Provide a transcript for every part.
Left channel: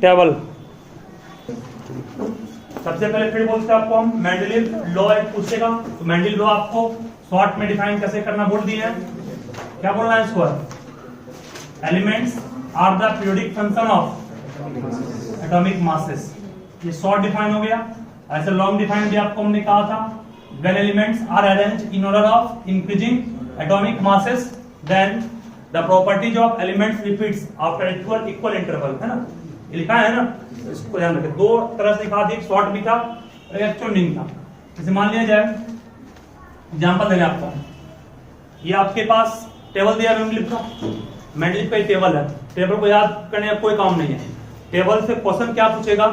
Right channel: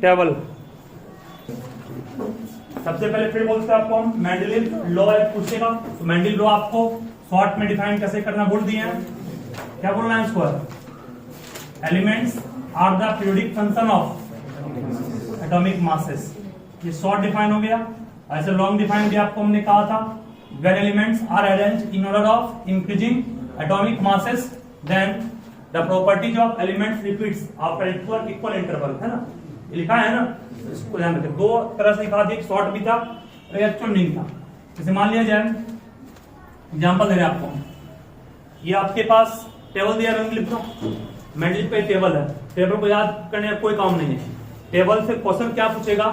Table. सबसे पहले फिर बोलते हैं आपको हम मेंडलीव लॉ एक पूछेगा, तो मेंडलीव लॉ आपको शॉर्ट में डिफाइन कैसे करना बोल दिए हैं। क्या बोलना है इसको, elements are the periodic function of atomic masses. ये शॉर्ट डिफाइन हो गया। ऐसे लॉन्ग डिफाइन भी आपको हमने कहा था, when elements are arranged in order of increasing atomic masses then the properties of elements repeats after equal interval, है ना, ये लिखा है ना, इसको ध्यान रखें। दो तरह से लिखा था, एक शॉर्ट भी था और एक एक्चुअल मीनिंग था। जैसे मान लिया जाए, एग्जांपल दे रहे आपको, ये आपके पास टेबल दिया मेंडलीव का, मेंडलीव का टेबल है, टेबल को याद करने का कोई काम नहीं है। टेबल से क्वेश्चन क्या पूछेगा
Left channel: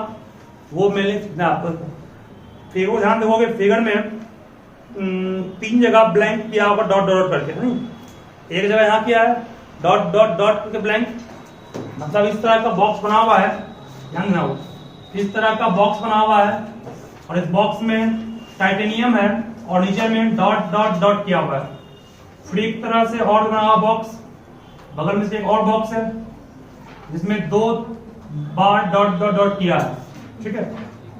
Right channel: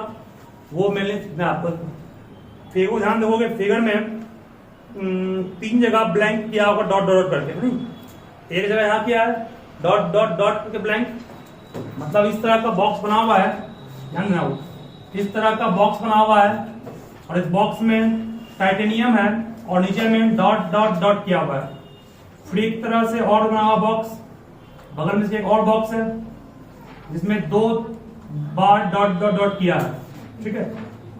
वो मैंने फिगर ध्यान देखोगे, फिगर में 3 जगह ब्लैंक किया होगा डॉट डॉट करके, नहीं, एक जगह यहाँ किया है डॉट डॉट डॉट करके ब्लैंक, मतलब इस तरह का बॉक्स बना हुआ है, ध्यान देना, वो इस तरह का बॉक्स बना हुआ है और इस बॉक्स में टाइटेनियम है और नीचे में डॉट डॉट डॉट किया हुआ है। फिर एक तरह से और बना हुआ बॉक्स, बगल में से एक और बॉक्स है जिसमें 2 बार डॉट डॉट डॉट किया है, ठीक है।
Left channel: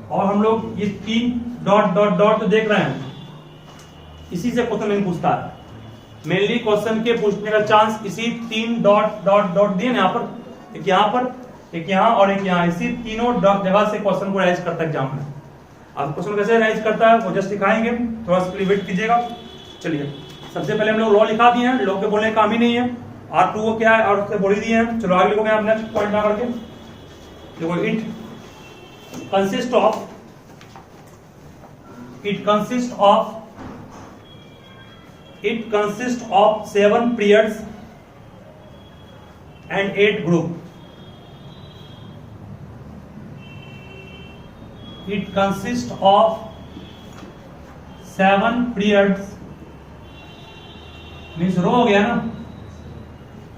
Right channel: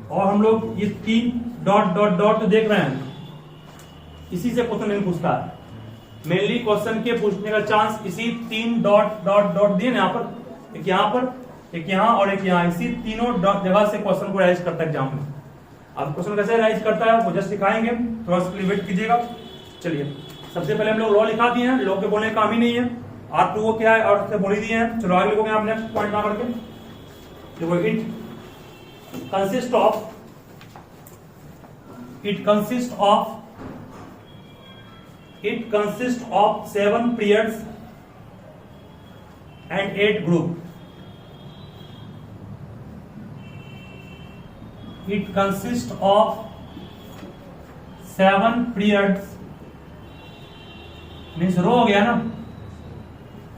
और हम लोग ये 3 डॉट डॉट डॉट तो देख रहे हैं, इसी से क्वेश्चन नहीं पूछता है। मेनली क्वेश्चन के पूछने का चांस इसी 3 डॉट डॉट डॉट दिए ना, यहाँ पर एक, यहाँ पर एक, यहाँ और एक यहाँ, इसी तीनों जगह से क्वेश्चन को राइज करता है एग्जाम में। अब क्वेश्चन कैसे राइज करता है वो जस्ट सिखाएंगे, थोड़ा सा वेट कीजिएगा। चलिए, सबसे पहले हम लोग लॉ लिखा दिए हैं, लॉ के बोलने का काम ही नहीं है। R2 को क्या है और बोल ही दिए हैं। चलो आगे लिखोगे हम नेक्स्ट पॉइंट ना करके, देखो it consists of 7 periods and 8 group. It consists of 7 periods means row हो गया ना,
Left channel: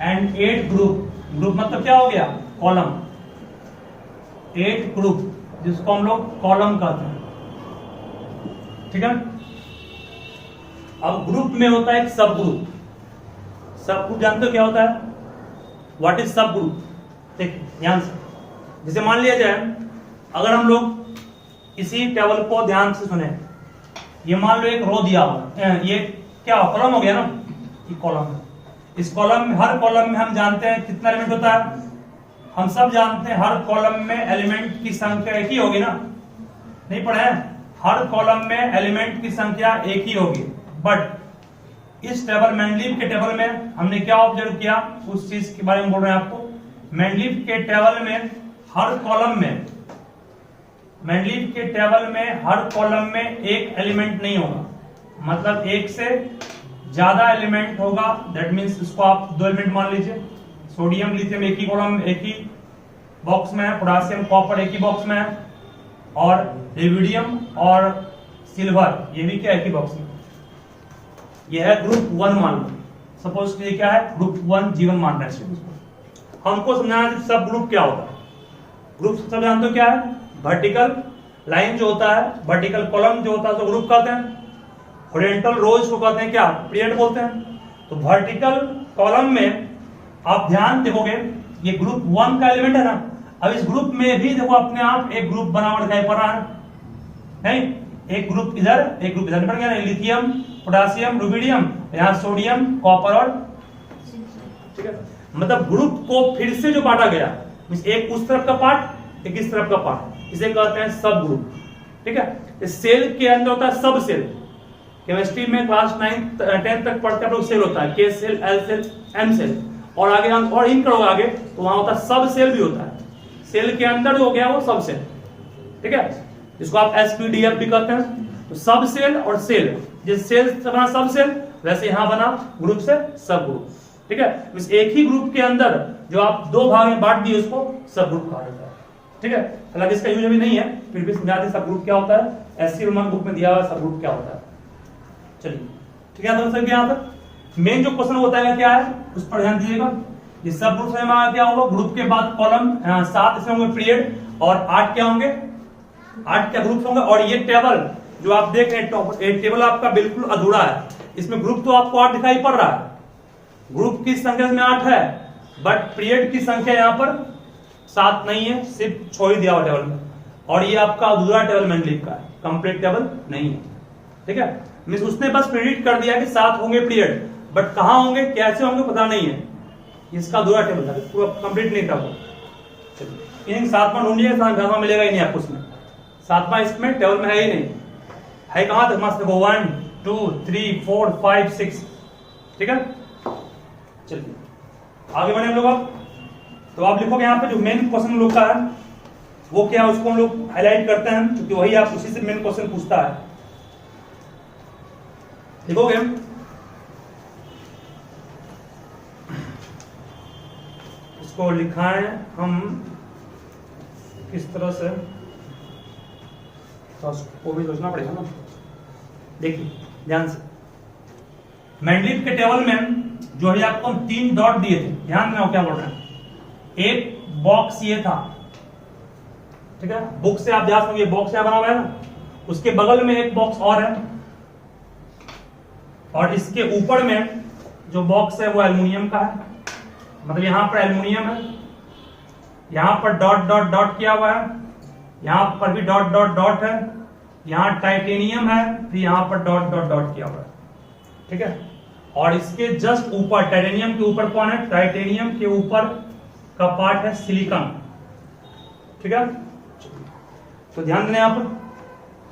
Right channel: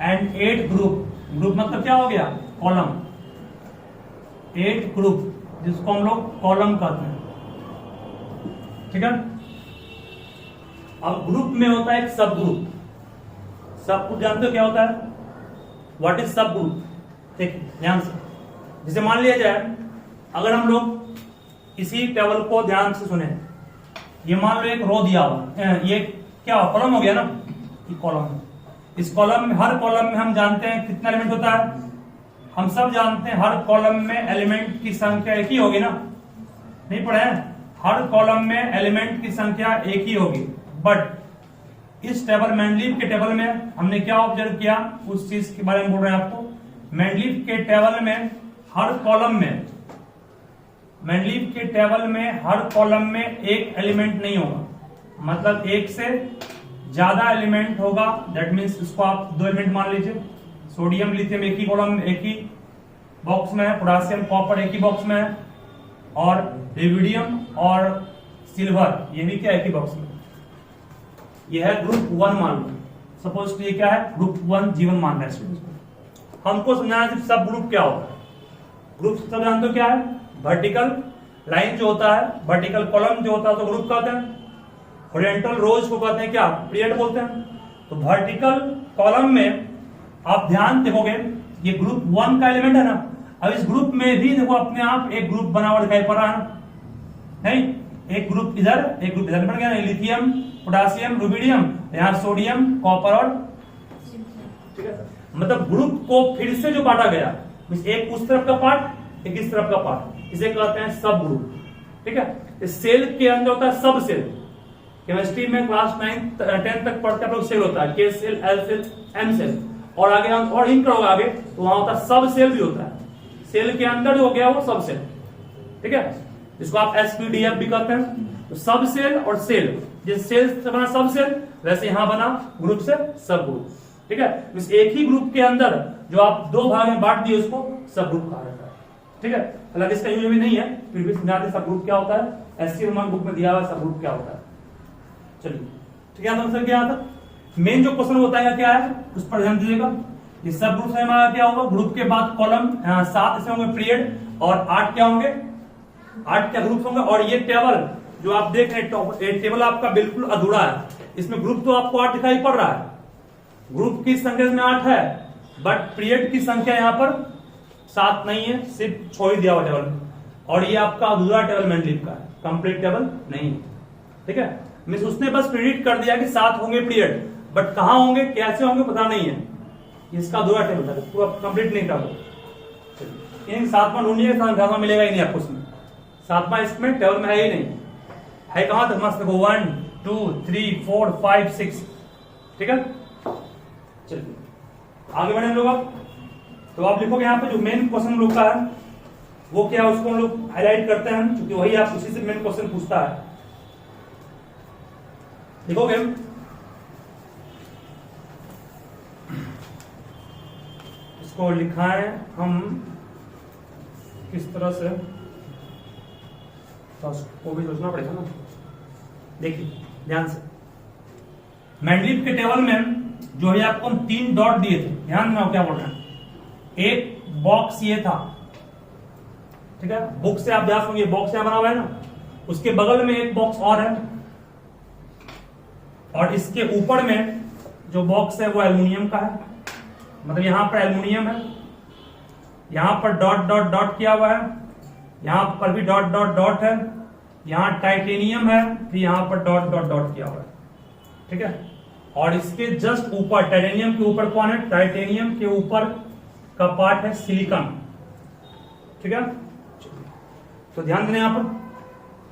एंड 8 ग्रुप, ग्रुप मतलब क्या हो गया, कॉलम, 8 ग्रुप जिसको हम लोग कॉलम कहते हैं, ठीक है। अब ग्रुप में होता है एक सब ग्रुप। सब ग्रुप जानते हो क्या होता है, व्हाट इज सब ग्रुप, ठीक, ध्यान से। जैसे मान लिया जाए, अगर हम लोग इसी टेबल को ध्यान से सुने, ये मान लो एक रो दिया हुआ, ये क्या कॉलम हो गया ना, ये कॉलम है। इस कॉलम में, हर कॉलम में हम जानते हैं कितना एलिमेंट होता है, हम सब जानते हैं हर कॉलम में एलिमेंट की संख्या एक ही होगी ना, नहीं पढ़े हैं, हर कॉलम में एलिमेंट की संख्या एक ही होगी। बट इस टेबल, मेंडलीव के टेबल में हमने क्या ऑब्जर्व किया, उस चीज के बारे में बोल रहे हैं आपको। मेंडलीव के टेबल में हर कॉलम में, मेंडलीव के टेबल में हर कॉलम में एक एलिमेंट नहीं होगा, मतलब एक से ज्यादा एलिमेंट होगा। दैट मीन्स इसको आप 2 एलिमेंट मान लीजिए, सोडियम लिथियम एक ही कॉलम, एक ही बॉक्स में है, पोटेशियम कॉपर एक ही बॉक्स में है, और लिविडियम और सिल्वर ये भी क्या एक ही बॉक्स में। यह है ग्रुप 1 मान लो, सपोज ये क्या है, ग्रुप 1 जीवन मान रहे हैं। हमको समझाना है सब ग्रुप क्या होता है। ग्रुप सब जानते हो क्या है, वर्टिकल लाइन जो होता है, वर्टिकल कॉलम जो होता है तो ग्रुप कहते हैं, हॉरिजॉन्टल रोज को कहते हैं क्या, पीरियड बोलते हैं। तो वर्टिकल कॉलम में आप ध्यान देखोगे, ये ग्रुप 1 का एलिमेंट है ना। अब इस ग्रुप में भी देखो अपने आप एक ग्रुप बना हुआ दिखाई पड़ रहा है, नहीं, एक ग्रुप इधर एक ग्रुप इधर बन गया, लिथियम पोटेशियम रुबिडियम, यहाँ सोडियम कॉपर और, ठीक है। मतलब ग्रुप को फिर से जो बांटा गया, एक उस तरफ का पार्ट एक इस तरफ का पार्ट, इसे कहते हैं सब ग्रुप, ठीक है। सेल के अंदर होता है सब सेल, केमिस्ट्री में क्लास 9 10 तक पढ़ते हैं सेल होता है, K shell, L shell, M shell, और आगे और इन करोगे आगे तो वहां होता है सब सेल भी होता है। सेल के अंदर जो हो गया वो सब सेल, ठीक है, जिसको आप एसपीडीएफ भी कहते हैं। तो सब सेल और सेल, जिस सेल से बना सब सेल, वैसे यहां बना ग्रुप से सब ग्रुप, ठीक है। इस एक ही ग्रुप के अंदर जो आप 2 भाग में बांट दिए उसको सब ग्रुप कहा जाता है, ठीक है। हालांकि इसका यूज अभी नहीं है, फिर भी समझा दें सब ग्रुप क्या होता है, एससी रोमन बुक में दिया हुआ सब ग्रुप क्या होता है। चलिए, ठीक है, तो यहाँ पर मेन जो क्वेश्चन होता है क्या है उस पर ध्यान दीजिएगा। ये सब ग्रुप में क्या होगा, ग्रुप के बाद कॉलम 7 इसमें होंगे पीरियड, और 8 क्या होंगे, 8 क्या ग्रुप होंगे। और ये टेबल जो आप देख रहे हैं, टेबल आपका बिल्कुल अधूरा है, इसमें ग्रुप तो आपको 8 दिखाई पड़ रहा है, ग्रुप की संख्या में 8 है, बट पीरियड की संख्या यहाँ पर 7 नहीं है, सिर्फ 6 ही दिया हुआ टेबल में, और ये आपका अधूरा टेबल मैंडलिव का है, कंप्लीट टेबल नहीं है। ठीक है, मींस उसने बस प्रेडिक्ट कर दिया कि 7 होंगे पीरियड, बट कहां होंगे कैसे होंगे पता नहीं है, इसका अधूरा टेबल था, पूरा कंप्लीट नहीं था वो। इन 7वां ढूंढिएगा, 7वां मिलेगा ही नहीं आपको उसमें, 7वां इसमें टेबल में है ही नहीं, है कहां तक मस्त देखो 1 2 3 4 5 6। ठीक है, चलिए आगे बढ़े हम लोग। आप तो आप लिखोगे यहाँ पे जो मेन क्वेश्चन हम लोग का है वो क्या है, उसको हम लोग हाईलाइट करते हैं क्योंकि वही आप उसी से मेन क्वेश्चन पूछता है। लिखोगे इसको लिखाएं हम किस तरह से, तो उसको भी सोचना पड़ेगा ना। देखिए ध्यान से, मैंडलिव के टेबल में जो है आपको हम 3 डॉट दिए थे, ध्यान देना क्या बोल रहे हैं। एक बॉक्स ये था, ठीक है, बुक से आप याद होंगे बॉक्स क्या बना हुआ है ना, उसके बगल में एक बॉक्स और है, और इसके ऊपर में जो बॉक्स है वो एल्युमिनियम का है, मतलब यहां पर एल्युमिनियम है, यहां पर डॉट डॉट डॉट किया हुआ है, यहां पर भी डॉट डॉट डॉट है, यहां टाइटेनियम है, फिर यहां पर डॉट डॉट डॉट किया हुआ है। ठीक है, और इसके जस्ट ऊपर टाइटेनियम के ऊपर कौन है, टाइटेनियम के ऊपर का पार्ट है सिलिकॉन। ठीक है, तो ध्यान देना यहां पर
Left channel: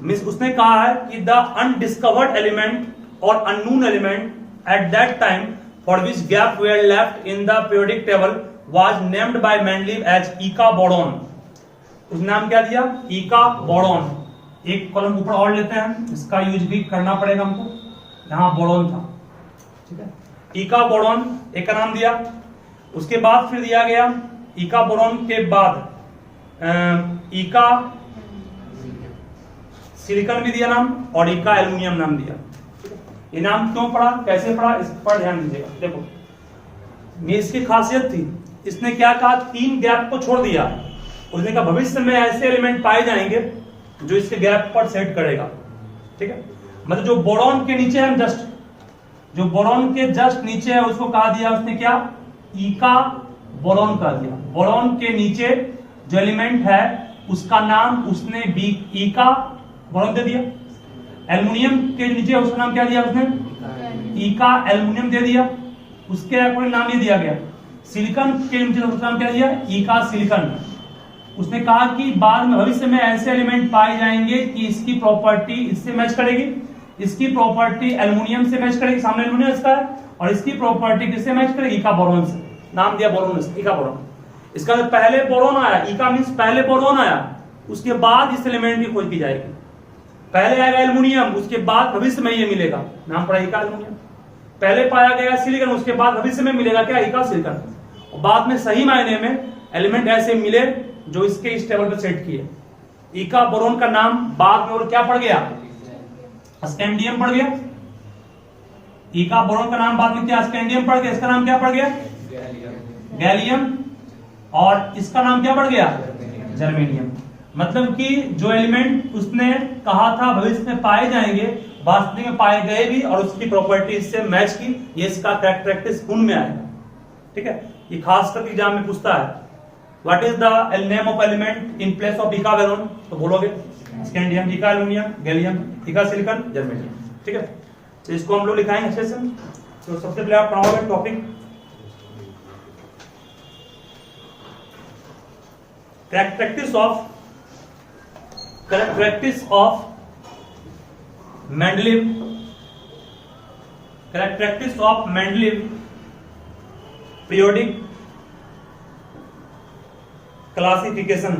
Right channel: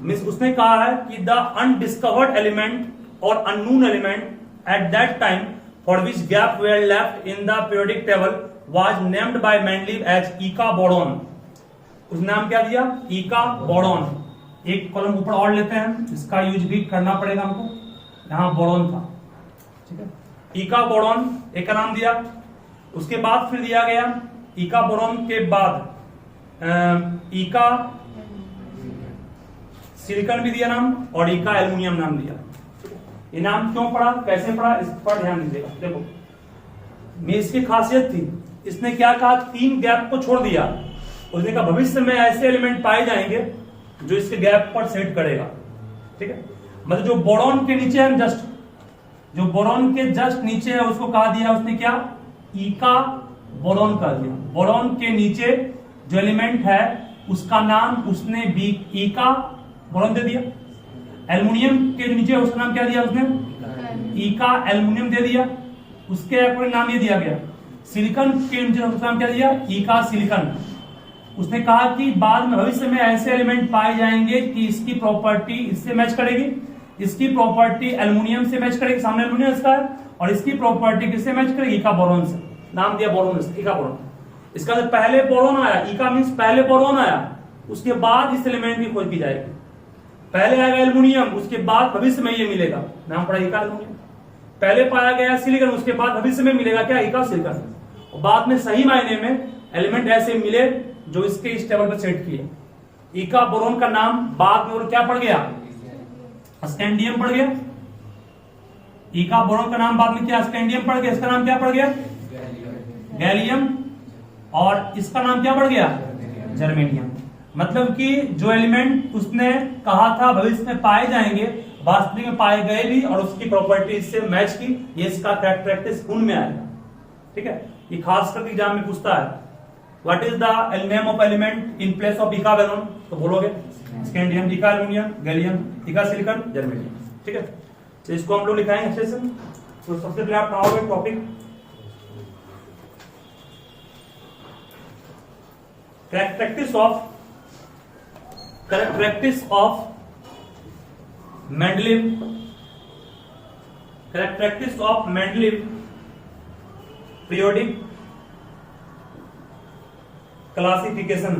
मिस उसने कहा है कि द अनडिस्कवर्ड एलिमेंट और unknown element at that time for which gap were left in the periodic table was named by Mendeleev as eka boron. उस नाम क्या दिया, ईका बोरॉन। एक कॉलम ऊपर और लेते हैं, इसका यूज भी करना पड़ेगा हमको, यहां बोरॉन था। ठीक है, ईका बोरॉन एक का नाम दिया, उसके बाद फिर दिया गया ईका बोरॉन के बाद ईका सिलिकॉन भी दिया नाम, और ईका एल्युमिनियम नाम दिया। ये नाम क्यों पड़ा, कैसे पड़ा, इस पर ध्यान दीजिएगा। देखो इसकी खासियत थी, इसने क्या कहा, 3 गैप को छोड़ दिया। उसने कहा भविष्य में ऐसे एलिमेंट पाए जाएंगे जो इसके गैप पर सेट करेगा। ठीक है, मतलब जो बोरॉन के नीचे है, जस्ट जो बोरॉन के जस्ट नीचे है उसको कहा दिया उसने क्या, ईका बोरॉन कर दिया। बोरॉन के नीचे जो एलिमेंट है उसका नाम उसने ईका बोरॉन दे दिया। एल्युमिनियम के नीचे उसका नाम क्या दिया उसने, ईका एल्युमिनियम दे दिया। उसके अकॉर्डिंग नाम ये दिया गया। सिलिकॉन के नीचे उसका नाम क्या दिया, ईका सिलिकॉन। उसने कहा कि बाद में भविष्य में ऐसे एलिमेंट पाए जाएंगे कि इसकी प्रॉपर्टी इससे मैच करेगी, इसकी प्रॉपर्टी एल्युमिनियम से मैच करेगी, सामने एल्युमिनियम इसका है, और इसकी प्रॉपर्टी किससे मैच करेगी, ईका बोरॉन से। नाम दिया बोरॉन, ईका बोरॉन। इसका मतलब पहले बोरॉन आया, ईका मींस पहले बोरॉन आया, उसके बाद इस एलिमेंट की खोज की जाएगी। पहले आएगा एल्युमिनियम, उसके बाद भविष्य में ये मिलेगा, नाम पड़ा ईका एल्युमिनियम। पहले पाया गया सिलिकॉन, उसके बाद भविष्य में मिलेगा क्या, ईका सिलिकॉन। और बाद में सही मायने में एलिमेंट ऐसे मिले जो इसके इस टेबल पर सेट किए। ईका बोरॉन का नाम बाद में और क्या पड़ गया, स्कैंडियम पड़ गया। ईका बोरॉन का नाम बाद में क्या, स्कैंडियम पड़ गया। इसका नाम क्या पड़ गया, गैलियम। और इसका नाम क्या पड़ गया, जर्मेनियम। मतलब कि जो एलिमेंट उसने कहा था भविष्य में पाए जाएंगे, वास्तविक में पाए गए भी, और उसकी प्रॉपर्टी इससे मैच की, ये इसका कैरेक्टरिस्टिक्स गुण में आएगा। ठीक है, ये खास करके एग्जाम में पूछता है, what is the name of element in place of eka boron, तो बोलोगे scandium, eka aluminium, gallium, eka silicon, germanium. ठीक है, तो इसको हम लोग लिखाएंगे अच्छे से। तो सबसे पहले आप पढ़ाओगे topic characteristics of Mendeleev periodic classification।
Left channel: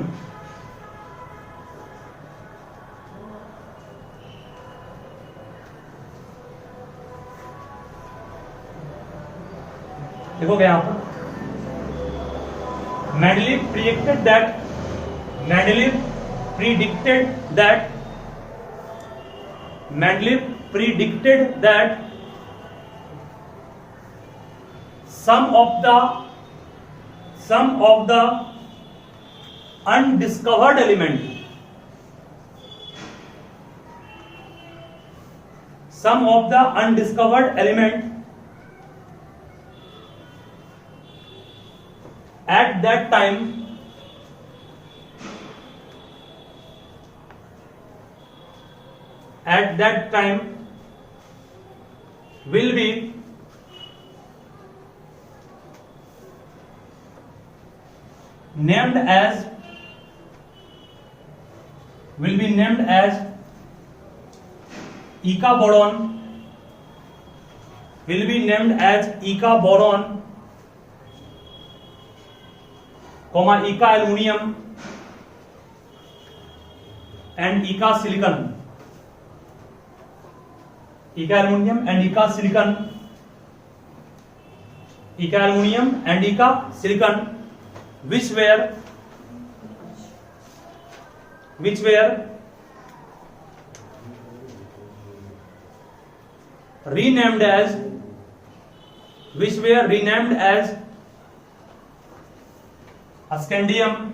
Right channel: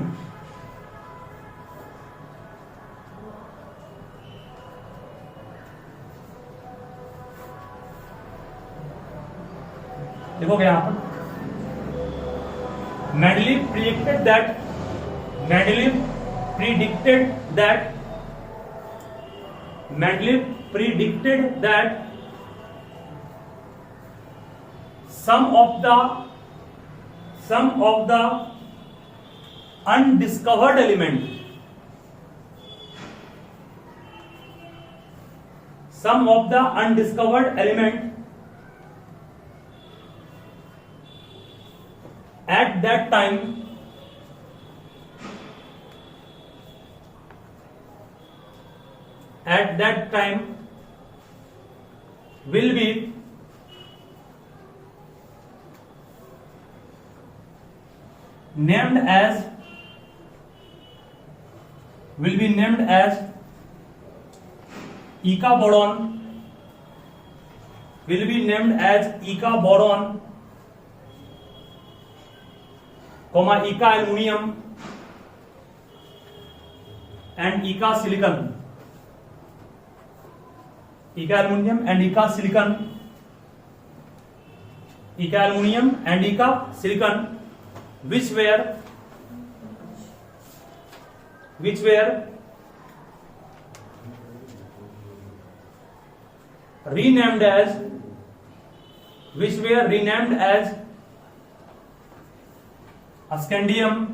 देखोगे यहां पर Mendeleev predicted that some of the undiscovered element at that time at that time will be named as Eka boron, will be named as Eka boron, comma Eka aluminium and Eka silicon, Eka aluminium and Eka silicon, Eka aluminium and Eka silicon, which were renamed as scandium,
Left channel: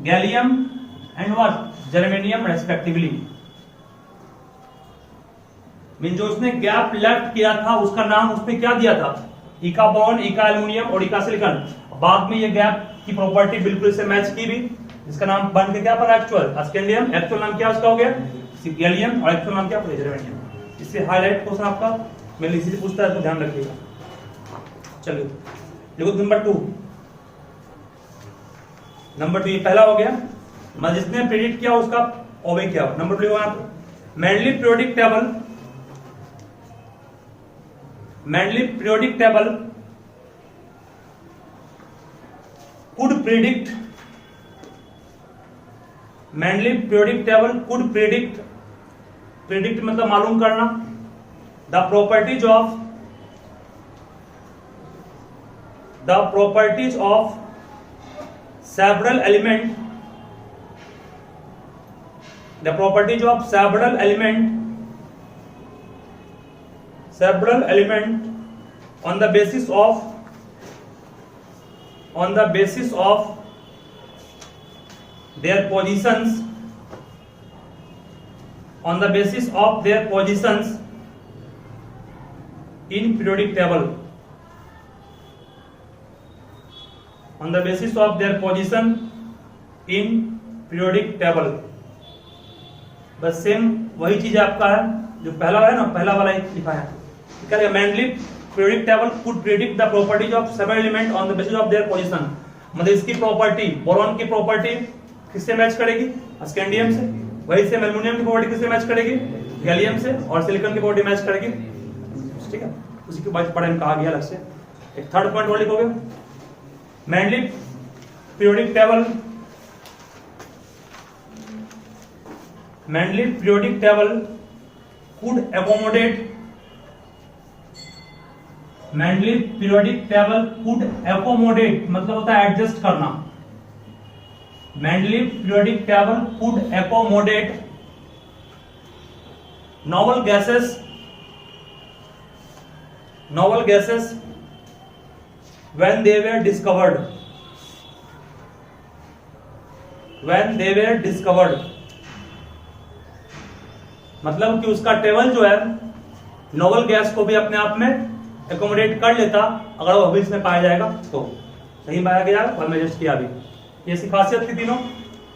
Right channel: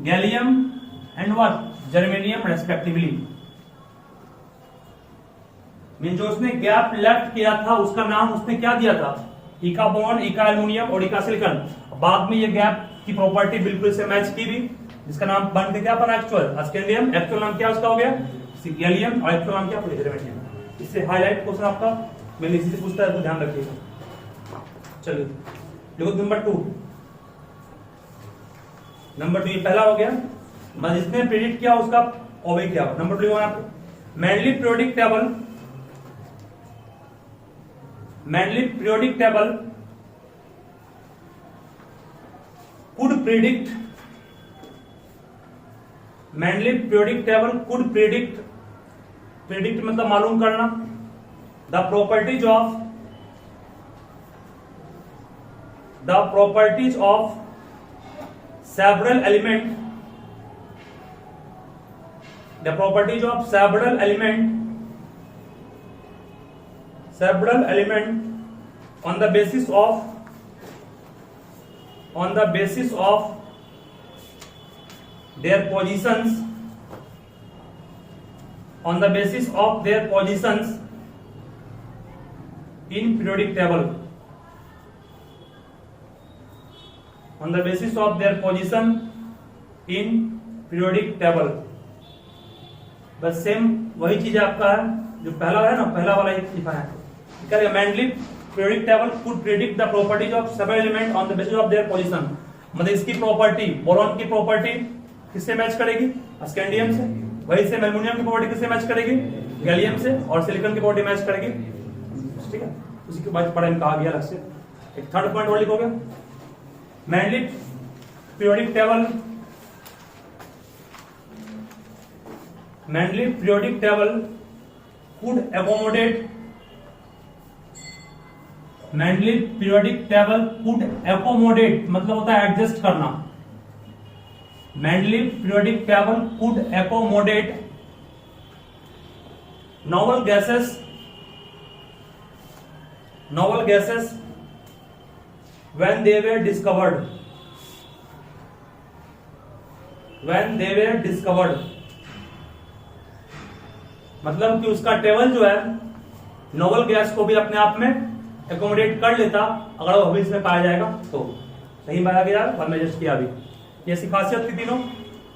gallium and what, germanium respectively. Mean जो उसने gap left किया था उसका नाम उसने क्या दिया था, इका बोरॉन, इका एल्युमिनियम और इका सिलिकॉन। बाद में ये गैप की प्रॉपर्टी बिल्कुल से मैच की भी, जिसका नाम बन के क्या पड़ा, एक्चुअल स्कैंडियम। एक्चुअल नाम क्या उसका हो गया, गैलियम, और एक्चुअल नाम क्या, जर्मेनियम। इससे हाईलाइट क्वेश्चन आपका मैं इसी से पूछता है तो ध्यान रखिएगा। चलिए देखो नंबर 2, ये पहला हो गया, जिसने प्रेडिक्ट किया उसका ओबे किया। Number 2 Mendeleev periodic table could predict मतलब मालूम करना, the properties of several element on the basis of their positions in periodic table, बस सेम वही चीज आपका है जो पहला है ना, पहला वाला एक लिखा है। Mendeleev periodic table could predict the properties of several element on the basis of their position, मतलब इसकी प्रॉपर्टी, बोरॉन की प्रॉपर्टी किससे मैच करेगी, स्कैंडियम से। वही से एल्युमिनियम की प्रॉपर्टी किससे मैच करेगी, गैलियम से, और सिलिकॉन की प्रॉपर्टी मैच करेगी। ठीक है, उसी के बाद पढ़ा कहा गया अलग से। एक थर्ड पॉइंट और लिखोगे, Mendeleev periodic table could accommodate मतलब होता है एडजस्ट करना। Mendeleev periodic table could accommodate novel gases when they were discovered, मतलब कि उसका टेबल जो है नोवल गैस को भी अपने आप में एकोमोडेट कर लेता अगर वो भविष्य में पाया जाएगा तो। सही पाया गया और मैं जस्ट किया भी, ये खासियत थी तीनों।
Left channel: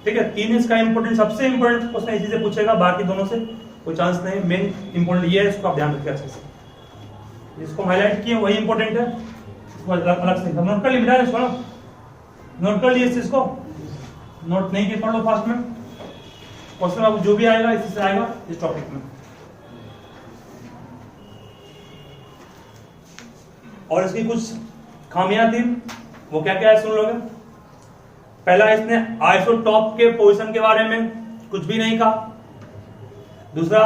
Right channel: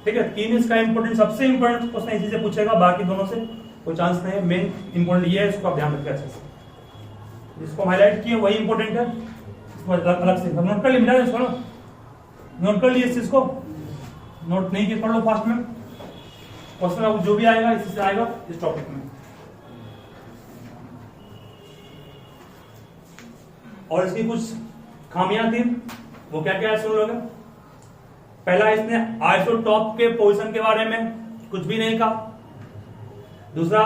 ठीक है, 3 इसका इंपोर्टेंट, सबसे इंपोर्टेंट क्वेश्चन इसी से पूछेगा, बाकी दोनों से कोई चांस नहीं। मेन इंपोर्टेंट ये है, इसको आप ध्यान रखिए अच्छे से। जिसको हाईलाइट किए वही इंपोर्टेंट है, इसको अलग से नोट कर लिया, नोट कर लिए इस चीज को, नोट नहीं किए पढ़ लो फास्ट में। क्वेश्चन अब जो भी आएगा इसी से आएगा इस टॉपिक में। और इसकी कुछ खामियां थी, वो क्या क्या है सुन लोगे। पहला, इसने आइसोटॉप के पोजीशन के बारे में कुछ भी नहीं कहा। दूसरा,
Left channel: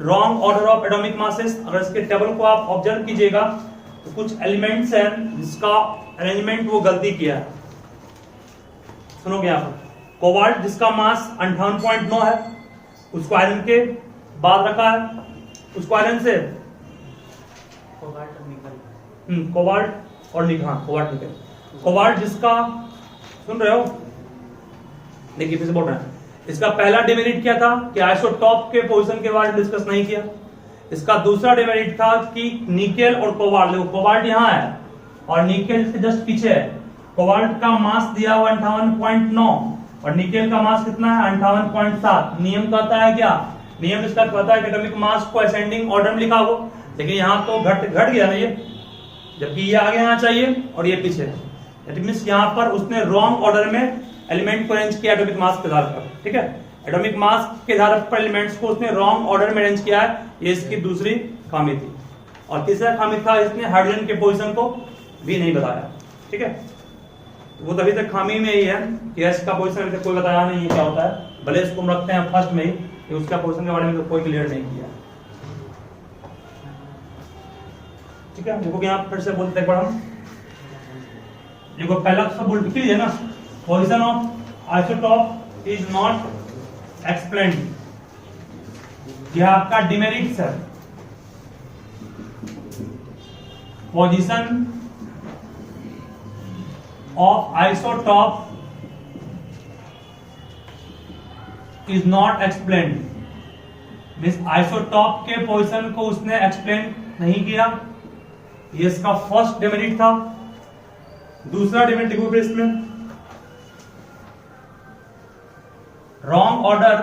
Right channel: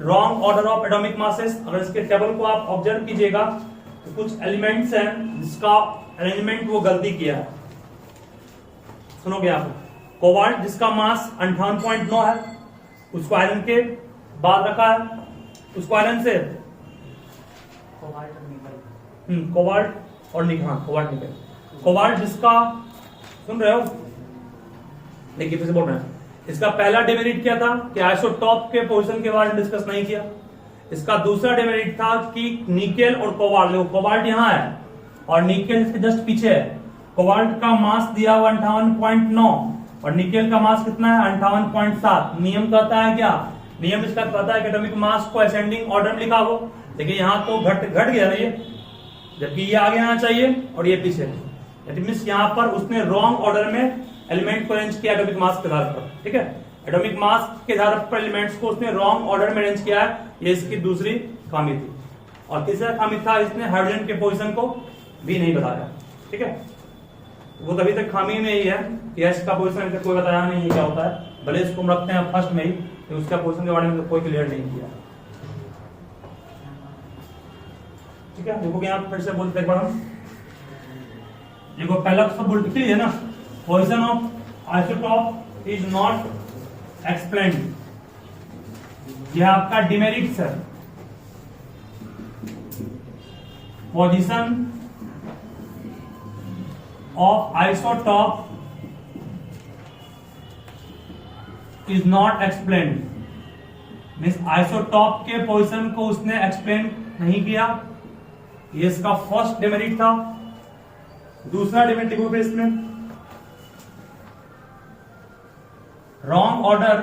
wrong order of atomic masses, अगर इसके टेबल को आप ऑब्जर्व कीजिएगा तो कुछ एलिमेंट्स हैं जिसका अरेंजमेंट वो गलती किया है। सुनोगे आप, कोबाल्ट जिसका मास 58.9 है, उसको आयरन के बाद रखा है, उसको आयरन से कोबाल्ट और निकल, कोबाल्ट जिसका, सुन रहे हो, देखिए फिर से बोल रहे हैं। इसका पहला डिमेरिट क्या था कि आइसोटॉप के पोजीशन के बारे में डिस्कस नहीं किया। इसका दूसरा डिमेरिट था कि निकेल और कोबाल्ट, देखो कोबाल्ट यहां है और निकेल इसके जस्ट पीछे है। कोबाल्ट का मास दिया 58.9 और निकेल का मास कितना है 58.7। नियम कहता है क्या, नियम इसका कहता है कि एटॉमिक मास को असेंडिंग ऑर्डर में लिखा हो, लेकिन यहाँ तो घट गया ना ये, जबकि ये आगे आना चाहिए और ये पीछे। दैट मींस यहाँ पर उसने रॉन्ग ऑर्डर में एलिमेंट को अरेंज किया एटॉमिक मास के आधार पर। ठीक है, एटॉमिक मास के आधार पर एलिमेंट्स को उसने रॉन्ग ऑर्डर में अरेंज किया है, ये इसकी दूसरी खामी थी। और तीसरा खामी था इसने हाइड्रोजन के पोजीशन को भी नहीं बताया। ठीक है, तो वो तभी तक खामी में ही है कि एस का पोजीशन अभी तक कोई बताया नहीं है क्या होता है, भले इसको हम रखते हैं फर्स्ट में ही, कि उसका पोजीशन के बारे में तो कोई क्लियर नहीं किया। ठीक है, देखो यहाँ फिर से बोलते हैं हम, देखो पहला सब बोल लिख लीजिए ना, position of isotope is not explained, यह आपका डिमेरिट्स है। Position of isotope is not explained, means isotope के पोजीशन को उसने एक्सप्लेन नहीं किया, ये इसका फर्स्ट डिमेरिट था। दूसरा डिमेरिट देखो फिर इसमें, wrong order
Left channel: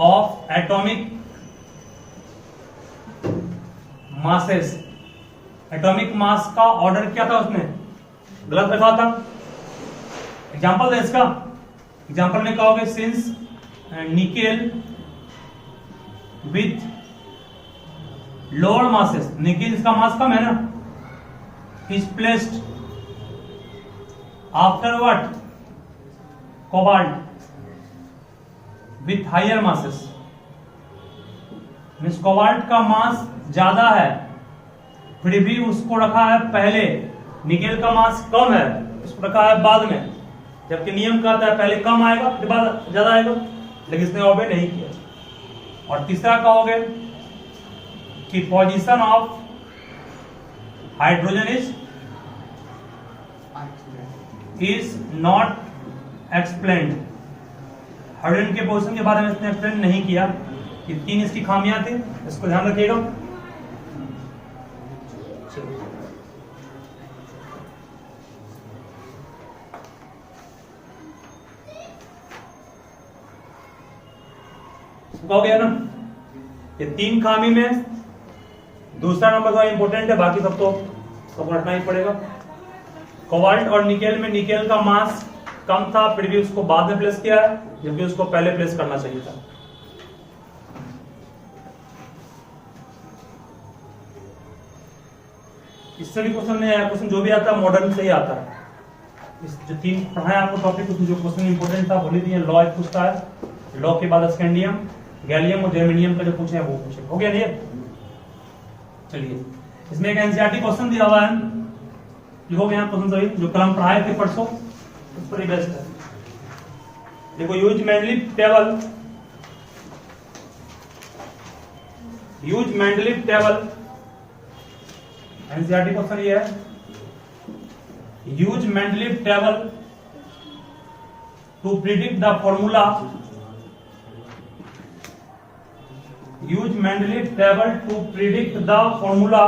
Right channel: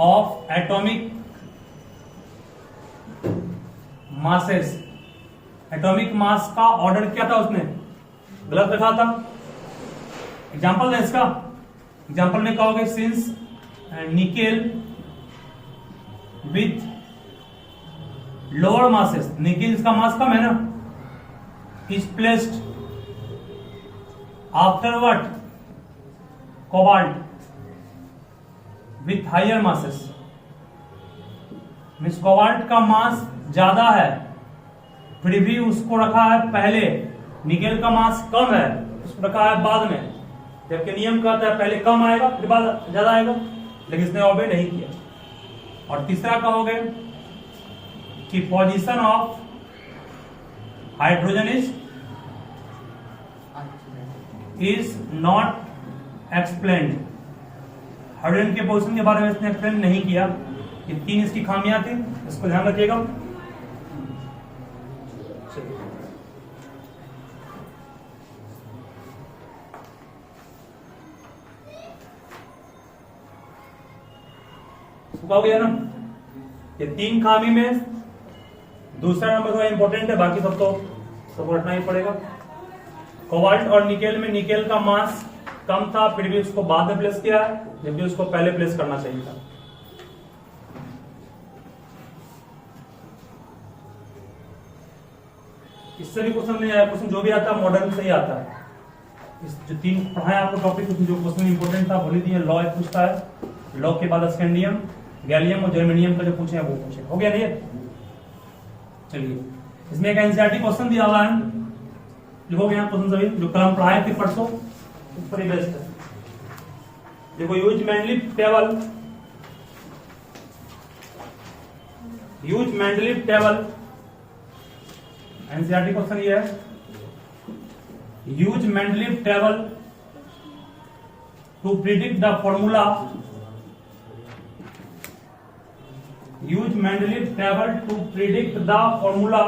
of atomic masses, atomic mass का ऑर्डर क्या था उसने गलत रखा था। एग्जांपल दें इसका, एग्जांपल में कहोगे since nickel with lower masses, nickel इसका मास कम है ना, is placed after what cobalt with higher masses, means cobalt का मास ज्यादा है फिर भी उसको रखा है पहले, निकेल का मास कम है उसको रखा है बाद में, जबकि नियम कहता है पहले कम आएगा फिर बाद ज्यादा आएगा, लेकिन इसने ऑबे नहीं किया। और तीसरा कहोगे कि position of hydrogen is not explained, hydrogen के पोजीशन के बारे में इसने एक्सप्लेन नहीं किया। ये तीन इसकी खामियां थी, इसको ध्यान रखिएगा। हो गया ना, ये तीन खामी में दूसरा नंबर थोड़ा इंपॉर्टेंट है, बाकी सब तो रटना ही पड़ेगा। कोबाल्ट और निकेल में निकेल का मास कम था फिर भी उसको बाद में प्लेस किया है, जबकि उसको पहले प्लेस करना चाहिए था। इससे भी क्वेश्चन नहीं आया, क्वेश्चन जो भी आता है मॉडल से ही आता है। इस जो तीन पढ़ाया आपको टॉपिक, उसमें जो क्वेश्चन इंपॉर्टेंट था बोली दिए, लॉ एक पूछता है, लॉ के बाद स्कैंडियम, गैलियम और जर्मेनियम का जो पूछे हैं वो पूछे। हो गया ये, चलिए इसमें एक एनसीईआरटी क्वेश्चन दिया हुआ है, लिखोगे यहाँ क्वेश्चन सभी जो कल हम पढ़ाए थे परसों, उस पर बेस्ट है। देखो use Mendeleev table, NCERT question ये है, use Mendeleev table to predict the formula, use Mendeleev table to predict the formula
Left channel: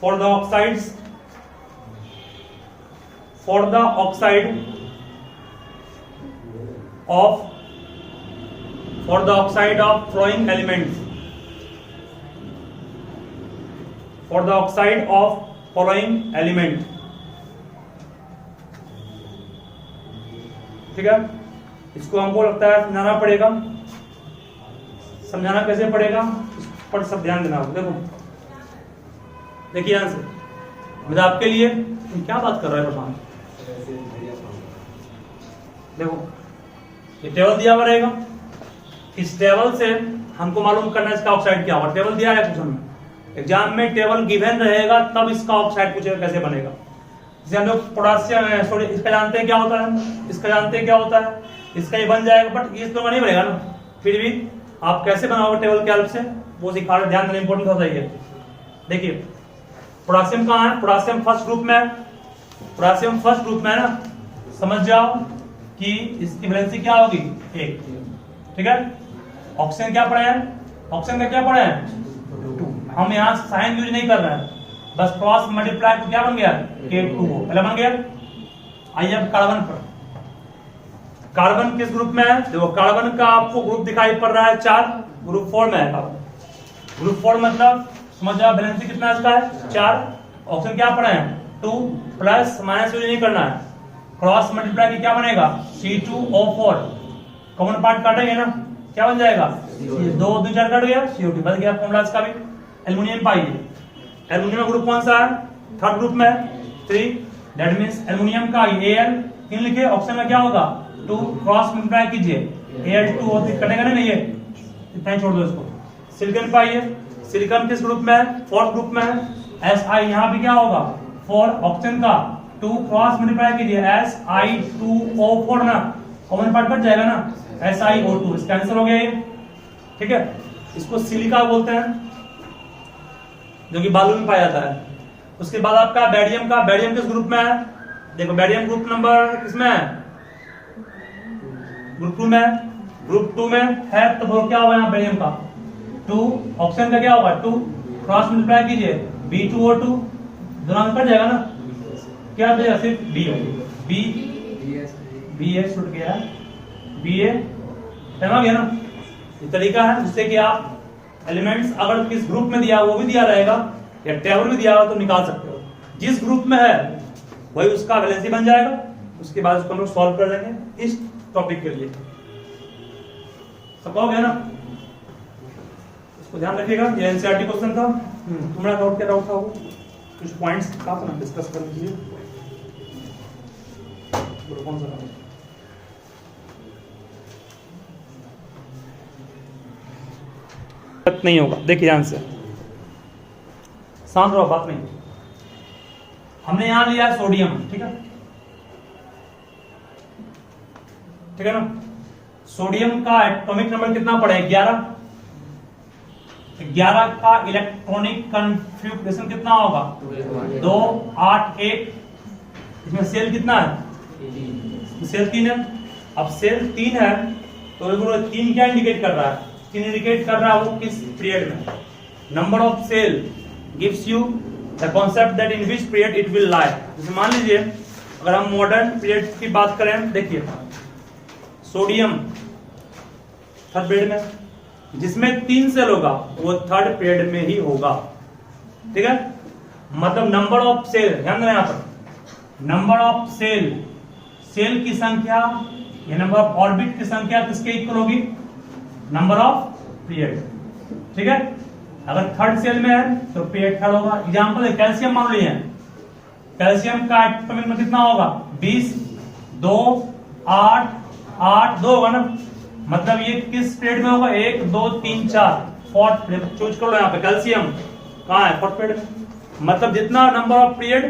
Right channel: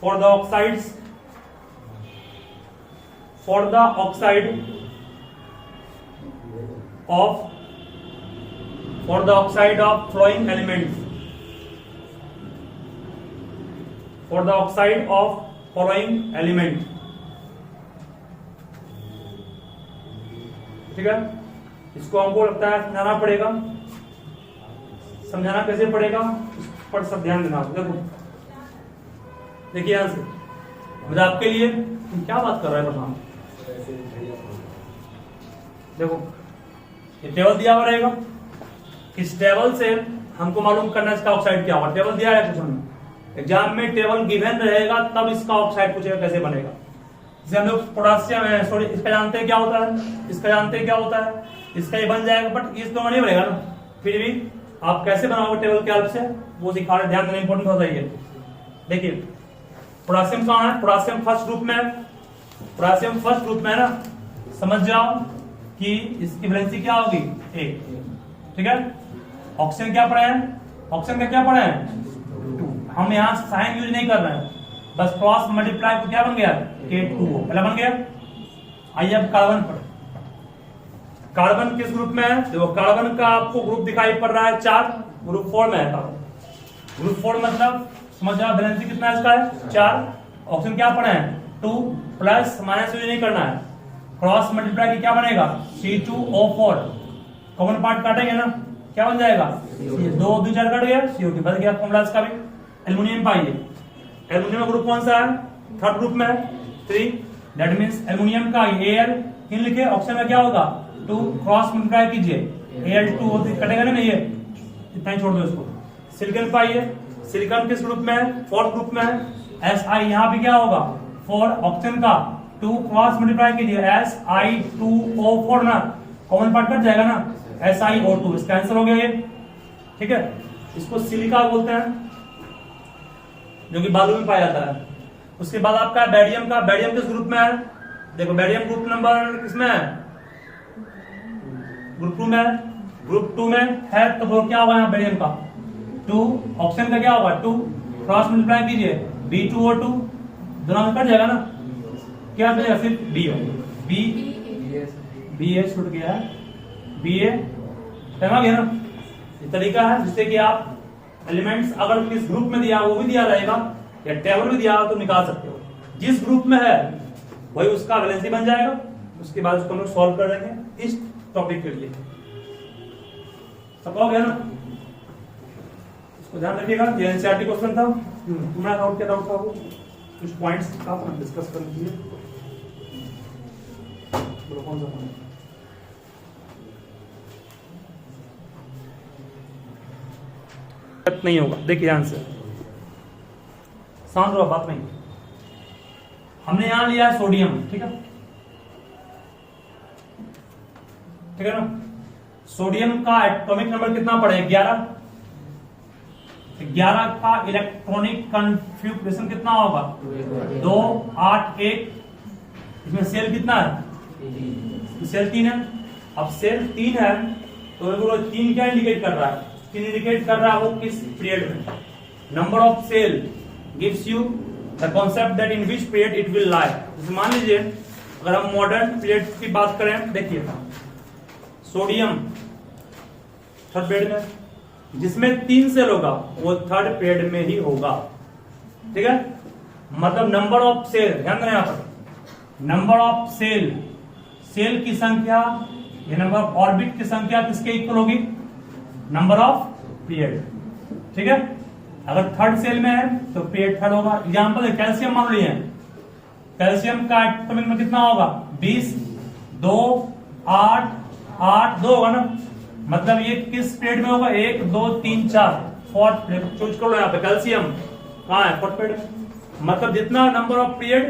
for the oxides, for the oxide of flowing elements, for the oxide of following element। ठीक है, इसको हमको लगता है समझाना पड़ेगा। समझाना कैसे पड़ेगा इस पर सब ध्यान देना। देखो देखिए यहां से मुझे आपके लिए, तुम क्या बात कर रहे हो बताओ। देखो ये टेबल दिया हुआ रहेगा, इस टेबल से हमको मालूम करना है इसका ऑक्साइड क्या होगा। टेबल दिया है क्वेश्चन में, एग्जाम में टेबल गिवन रहेगा तब इसका ऑक्साइड पूछेगा कैसे बनेगा। जैसे हम लोग पोटासियम सॉरी इसका जानते हैं क्या होता है, इसका जानते हैं क्या होता है, इसका ये बन जाएगा, बट इस तो नहीं बनेगा ना। फिर भी आप कैसे बनाओगे टेबल के हेल्प से वो सिखा रहे, ध्यान देना इंपॉर्टेंट होता है। देखिए पोटासियम कहाँ है, पोटासियम फर्स्ट ग्रुप में है, पोटासियम फर्स्ट ग्रुप में है ना, समझ जाओ कि इसकी वैलेंसी क्या होगी 1। ठीक है, ऑक्सीजन क्या पढ़े हैं, ऑक्सीजन का क्या पढ़े हैं 2। हम यहाँ साइन यूज नहीं कर रहे हैं, बस क्रॉस मल्टीप्लाई क्या बन गया K2 पहले बन गया। आइए अब कार्बन पर। कार्बन किस ग्रुप में है? देखो कार्बन का आपको ग्रुप दिखाई पड़ रहा है 4, ग्रुप 4 में है कार्बन। ग्रुप 4 मतलब समझ जाओ वैलेंसी कितना इसका है 4। ऑप्शन क्या पढ़े हैं 2 प्लस माइनस यूज नहीं करना है, क्रॉस मल्टीप्लाई की क्या बनेगा C2O4, कॉमन पार्ट काटेंगे ना क्या बन जाएगा 2 2 4 कट गया CO2 बच गया फॉर्मूला इसका भी। एल्युमिनियम पाइए, एल्युमिनियम ग्रुप कौन सा है? थर्ड ग्रुप में है 3, दैट मींस एल्युमिनियम का Al 3 लिखे, ऑप्शन में क्या होगा 2, क्रॉस मल्टीप्लाई कीजिए Al2 होती कटेगा ना ये, इतना ही छोड़ दो इसको। सिलिकॉन पाइए, सिलिकॉन किस ग्रुप में है? फोर्थ ग्रुप में है। Si यहाँ भी क्या होगा 4, ऑप्शन का 2 क्रॉस मल्टीप्लाई कीजिए Si2O4 ना, कॉमन पार्ट कट जाएगा ना SiO2, इसका आंसर हो गया ये। ठीक है, इसको सिलिका बोलते हैं जो कि बालू में पाया जाता है। उसके बाद आपका बैरियम का, बैरियम किस ग्रुप में है? देखो बैरियम ग्रुप नंबर किसमें है? ग्रुप 2 में है। ग्रुप 2 में है तो वो क्या होगा यहाँ बैरियम का 2, ऑप्शन का क्या होगा 2, क्रॉस मल्टीप्लाई कीजिए B2O2, दोनों में कट जाएगा ना, क्या बचेगा सिर्फ B होगा, BA छूट गया है, BA समझ गया ना। ये तरीका है जिससे कि आप एलिमेंट्स अगर किस ग्रुप में दिया वो भी दिया रहेगा या टेबल में दिया हो तो निकाल सकते हो, जिस ग्रुप में है वही उसका वैलेंसी बन जाएगा। उसके बाद उसको हम लोग सॉल्व कर देंगे इस टॉपिक के लिए, समझ गया ना। इसको ध्यान रखिएगा, ये एनसीईआरटी क्वेश्चन था। तुम्हारा डाउट क्या डाउट था? वो कुछ पॉइंट्स आप डिस्कस करने के लिए कौन सा नहीं होगा। देखिए ध्यान से, शांत रहो, बात नहीं। हमने यहां लिया है सोडियम, ठीक है, ठीक है ना। सोडियम का एटॉमिक नंबर कितना पड़ा है 11, 11 का इलेक्ट्रॉनिक कन्फिग्रेशन कितना होगा 2 8 1। इसमें सेल कितना है? सेल 3 है। अब सेल 3 है तो 3 क्या इंडिकेट कर रहा है? 3 इंडिकेट कर रहा है वो किस पीरियड में। Number of shell gives you the concept that in which period it will lie. जैसे मान लीजिए अगर हम मॉडर्न पीरियड की बात करें, देखिए सोडियम थर्ड पीरियड में, जिसमें 3 सेल होगा वो थर्ड पीरियड में ही होगा, ठीक है। मतलब नंबर ऑफ सेल, ध्यान देना यहां पर, नंबर ऑफ सेल, सेल की संख्या या नंबर ऑफ ऑर्बिट की संख्या किसके इक्वल होगी? नंबर ऑफ पीरियड, ठीक है। अगर थर्ड सेल में है तो पीरियड थर्ड होगा। एग्जांपल है कैल्शियम मान लिए, कैल्शियम का एटॉमिक में कितना होगा 20, 2 8 8 2 होगा ना, मतलब ये किस पीरियड में होगा 1 2 3 4 फोर्थ पीरियड। चूज कर लो यहाँ पे, कैल्शियम कहाँ है फोर्थ पीरियड में। मतलब जितना नंबर ऑफ पीरियड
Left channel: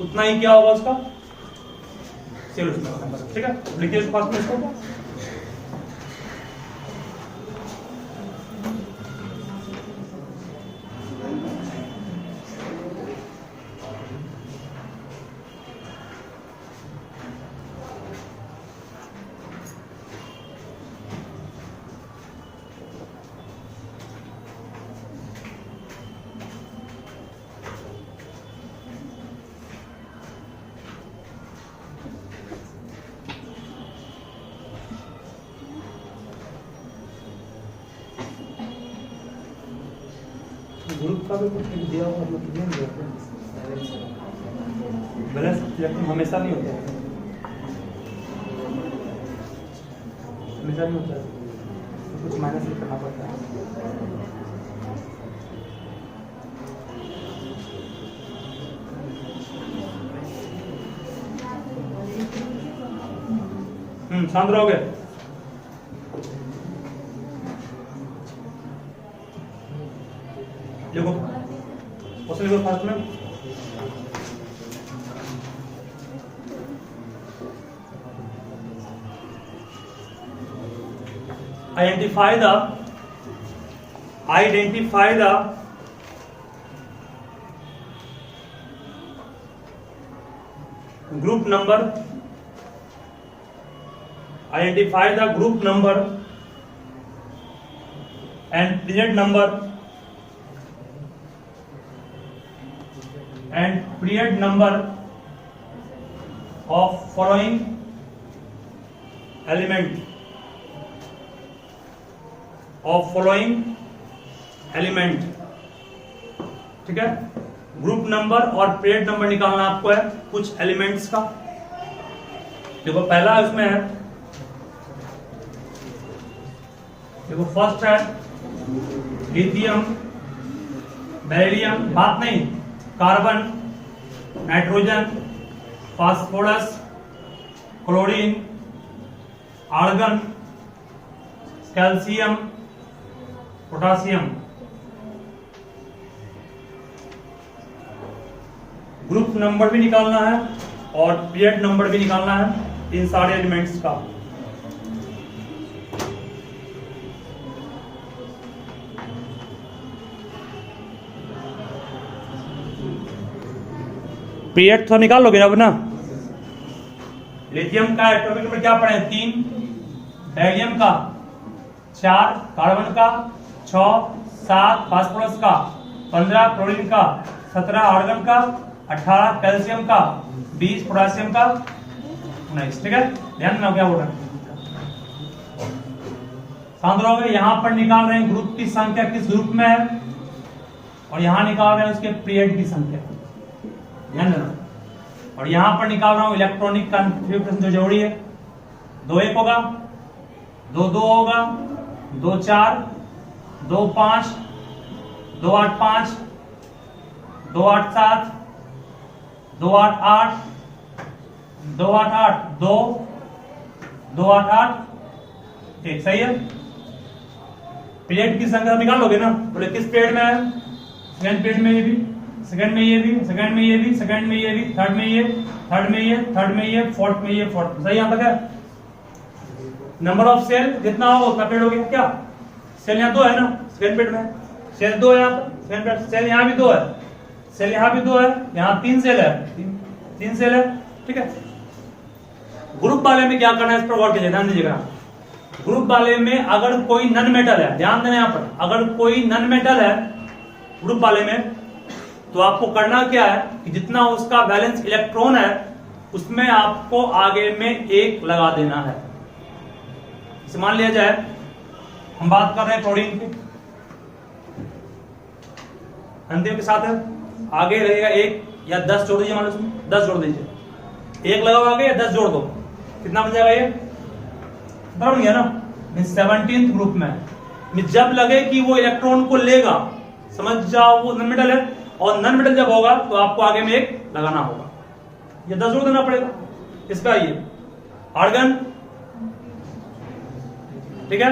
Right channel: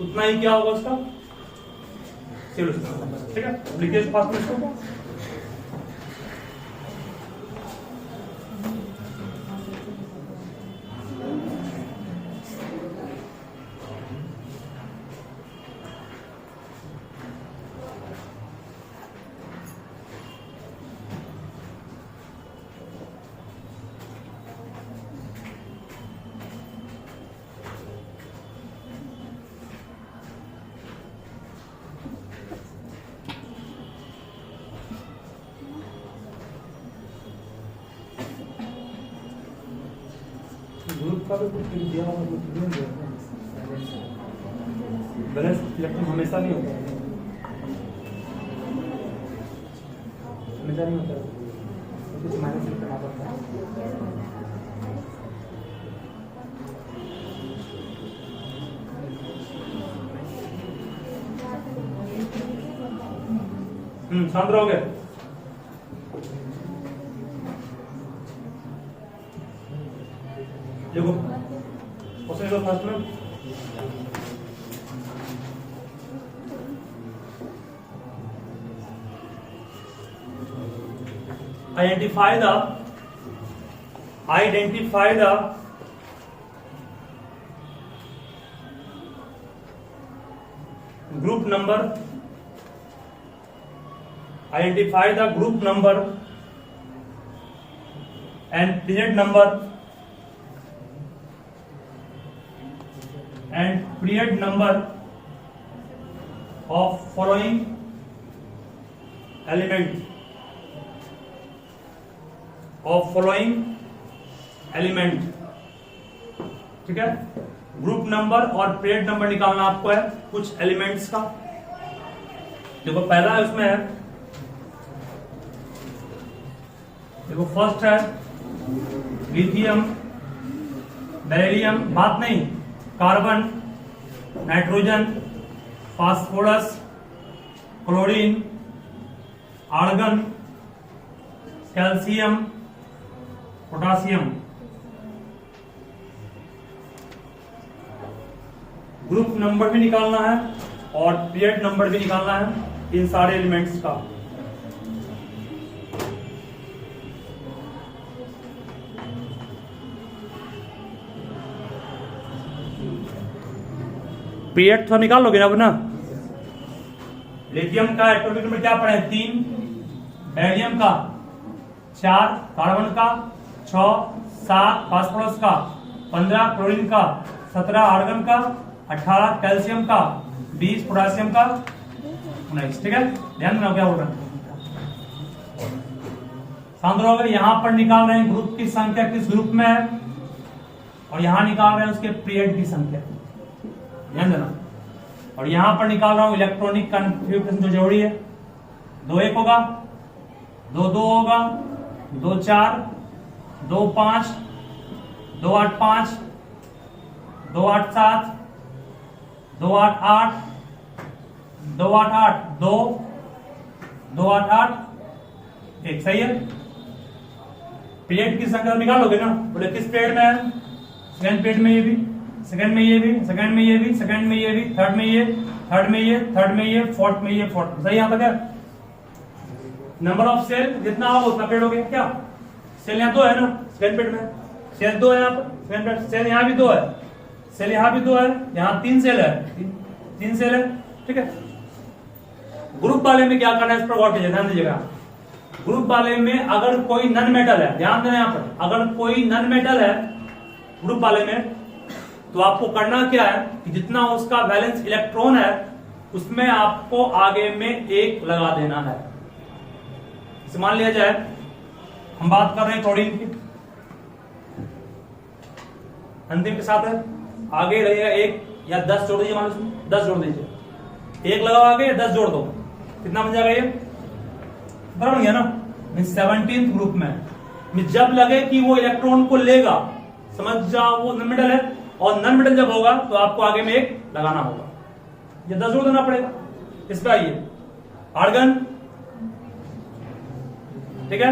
उतना ही क्या होगा उसका सेल, ठीक है। लिखिए इसको। ग्रुप का भी कुछ दिया होगा जो कि बैलेंस इलेक्ट्रॉन हमेशा नहीं होता है, हमेशा नहीं होता है, कुछ माइनस करना पड़ता है। शांत रहोगे। देखो क्वेश्चन नंबर फर्स्ट में identify the group number, identify the group number and period number of following element ठीक है। ग्रुप नंबर और पीरियड नंबर निकालना आपको है कुछ एलिमेंट्स का। देखो पहला इसमें है, देखो फर्स्ट है लिथियम, बेरिलियम, बात नहीं, carbon, nitrogen, phosphorus, chlorine, argon, calcium, potassium. Group number भी निकालना है और पीरियड नंबर भी निकालना है इन सारे एलिमेंट्स का। पीरियड तो निकाल लोगे अब ना। लिथियम का एटॉमिक नंबर क्या पढ़े? 3, बेरिलियम का 4, कार्बन का 6, 7 फास्फोरस का, 15 क्लोरीन का, 17 आर्गन का, 18 कैल्शियम का, 20 पोटासियम का, 19। ठीक है, ध्यान देना क्या बोल रहा है। शांत रहोगे। यहां पर निकाल रहे हैं ग्रुप की संख्या किस ग्रुप में है, और यहां निकाल रहे हैं उसके पीरियड की संख्या, ध्यान देना। और यहां पर निकाल रहा हूं इलेक्ट्रॉनिक कन्फिग्रेशन जो जरूरी है। 2 1 होगा, 2 2 होगा, 2 4, 2 5, 2 8 5, 2 8 7, 2 8 8, 2 8 8 2, 2 8 8 1। सही है। पीरियड की संख्या निकालोगे ना, बोले किस पीरियड में है? सेकंड पीरियड में ये भी, सेकंड में ये भी, सेकंड में ये भी, सेकंड में ये भी, थर्ड में ये, थर्ड में ये, थर्ड में ये, फोर्थ में ये, फोर्थ। सही यहाँ तक है। नंबर ऑफ सेल जितना होगा उतना पीरियड हो गया। क्या सेल यहाँ 2 है ना सेकंड पीरियड में, सेल 2 है यहाँ पर सेकंड पीरियड, सेल यहाँ भी 2 है, सेल यहाँ भी 2 है, यहाँ 3 सेल है, 3 सेल है। ठीक है। ग्रुप वाले में क्या करना है इस पर गौर कीजिए, ध्यान दीजिएगा। ग्रुप वाले में अगर कोई नन मेटल है, ध्यान देना यहाँ पर, अगर कोई नन मेटल है ग्रुप वाले में, तो आपको करना क्या है कि जितना उसका वैलेंस इलेक्ट्रॉन है उसमें आपको आगे में 1 लगा देना है। मान लिया जाए हम बात कर रहे हैं क्लोरीन की, अंतिम के साथ है, आगे लगेगा 1 या 10 जोड़ दीजिए, मान लो 10 जोड़ दीजिए, 1 लगाओ आगे या 10 जोड़ दो, कितना बन जाएगा ये? बराबर गया ना। 17th ग्रुप में जब लगे कि वो इलेक्ट्रॉन को लेगा, समझ जाओ वो नन मेटल है, और नन मेटल जब होगा तो आपको आगे में 1 लगाना होगा, ये 10 जोड़ देना पड़ेगा। इस पर आइए, आर्गन, ठीक है,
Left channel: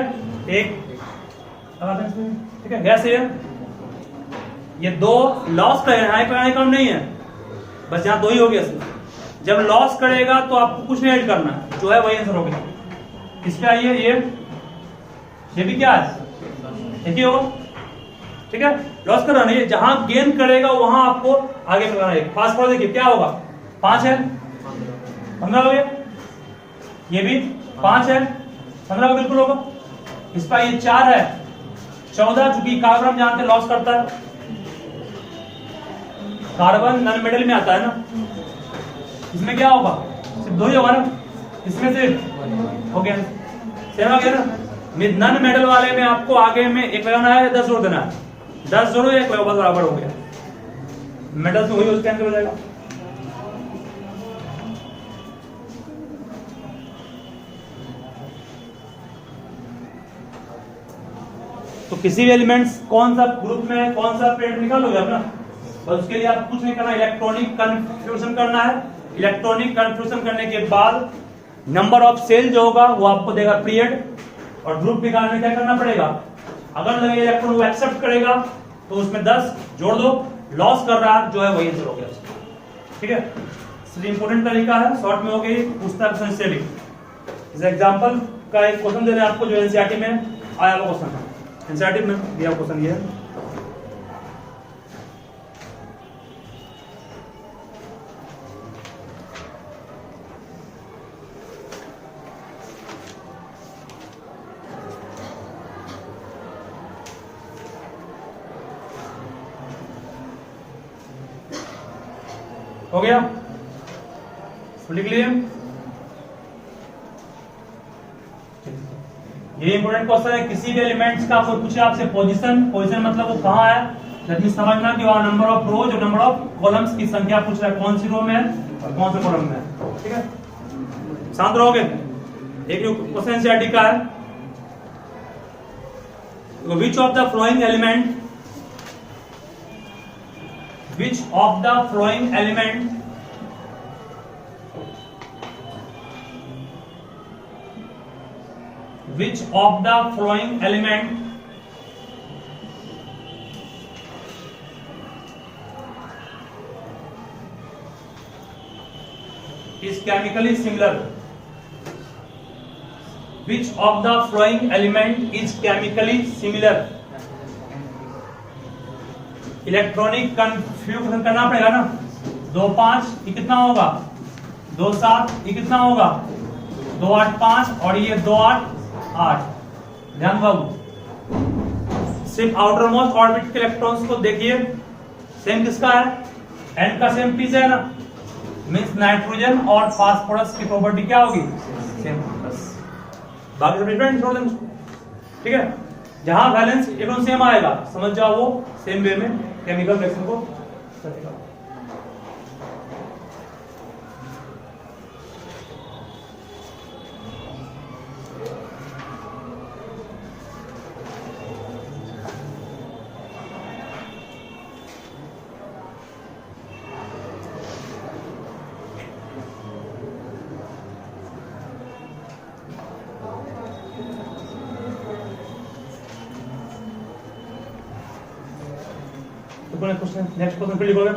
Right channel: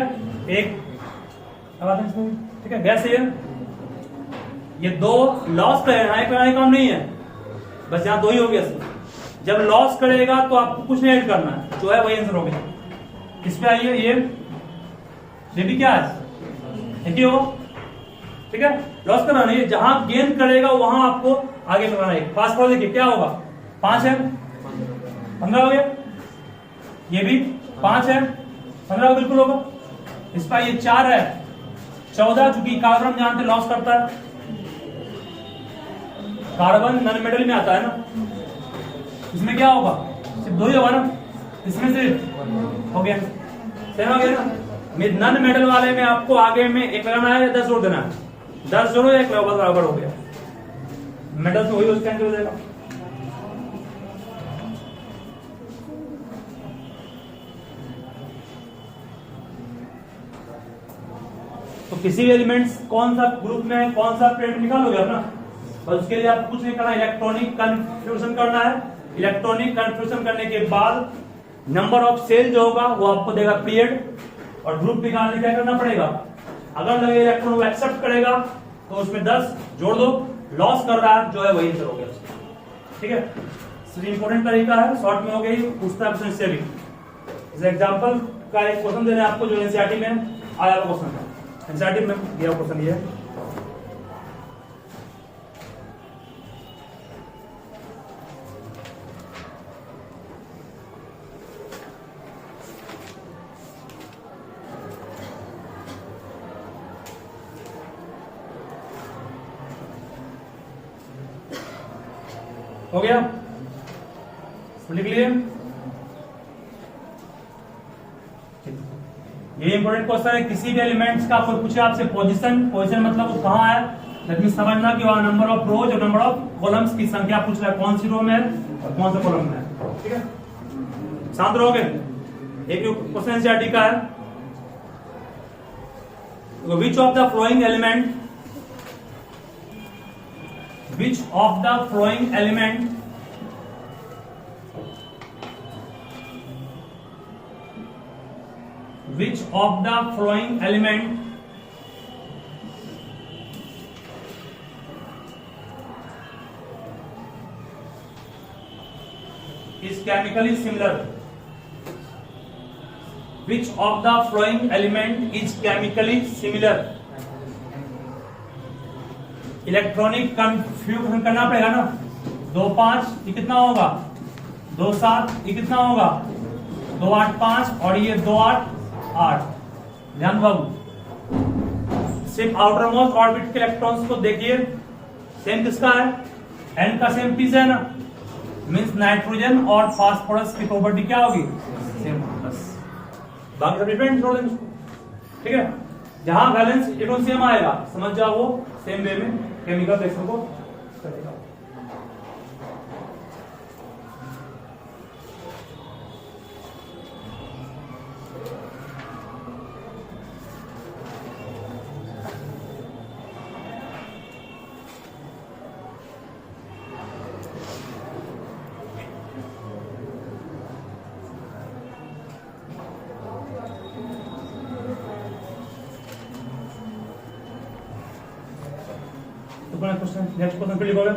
1 ठीक है, गैस है ये 2 लॉस कराने काम नहीं है, बस यहाँ 2 ही हो गया। जब लॉस करेगा तो आपको कुछ नहीं ऐड करना है, जो है वही आंसर हो गया। इस पे आइए, ये भी क्या है, एक ही होगा। ठीक है, लॉस कर रहा नहीं, जहां गेन करेगा वहां आपको आगे बढ़ाना है। फास्फोरस देखिए क्या होगा, 5 है, 15 हो गया, ये भी 5 है, 15 बिल्कुल होगा। इस पर ये 4 है, 14, चूंकि कार्बन जानते लॉस करता है, कार्बन नन मेटल में आता है ना, इसमें क्या होगा, सिर्फ 2 ही होगा ना, इसमें से हो गया, सेम हो गया ना। नन मेटल वाले में आपको आगे में 1 लगाना है, 10 जोड़ देना है, 10 जोड़ो 1 लगाओ, बराबर हो गया। मेटल से वही कैंसिल हो जाएगा। तो किसी भी एलिमेंट्स कौन सा ग्रुप में है, कौन सा पीरियड निकालोगे अपना, बस उसके लिए आपको कुछ नहीं करना, इलेक्ट्रॉनिक कन्फ्यूजन करना है। इलेक्ट्रॉनिक कन्फ्यूजन करने के बाद नंबर ऑफ सेल जो होगा वो आपको देगा पीरियड, और ग्रुप निकालने क्या करना पड़ेगा, अगर लगे इलेक्ट्रॉन वो एक्सेप्ट करेगा तो उसमें 10 जोड़ दो, लॉस कर रहा है जो है वही हो गया। ठीक है, इसलिए इंपॉर्टेंट तरीका है, शॉर्ट में हो गई, पूछता है क्वेश्चन से भी। इस एग्जांपल का एक क्वेश्चन दे रहे हैं आपको जो एनसीईआरटी में आया हुआ क्वेश्चन है, एनसीईआरटी में दिया क्वेश्चन ये है। हो गया, लिख लिए। ये इंपॉर्टेंट क्वेश्चन है, किसी भी एलिमेंट्स का कोई पूछे आपसे पोजीशन मतलब वो कहाँ है, दैट मींस समझना कि वहां नंबर ऑफ रोज और नंबर ऑफ कॉलम्स की संख्या पूछ रहा है, कौन सी रो में है और कौन से कॉलम में है। ठीक है, शांत रहोगे। एक क्वेश्चन एनसीईआरटी का है, which of the flowing element which of the flowing element is chemically similar? Which of the flowing element is chemically similar? Electronic confusion करना पड़ेगा ना। 2 5 ये कितना होगा, 2 7 ये कितना होगा, 2 8 5 और ये 2 8 8। ध्यान बाबू, सिर्फ आउटर मोस्ट ऑर्बिट के इलेक्ट्रॉन्स को देखिए, सेम किसका है, एन का सेम पी से है ना, मींस नाइट्रोजन और फास्फोरस की प्रॉपर्टी क्या होगी, सेम। बाकी सब डिफरेंट छोड़ देंगे। ठीक है, जहां बैलेंस एकदम सेम आएगा समझ जाओ वो सेम वे में केमिकल रिएक्शन को करेगा। क्वेश्चन नेक्स्ट क्वेश्चन पे लिखोगे,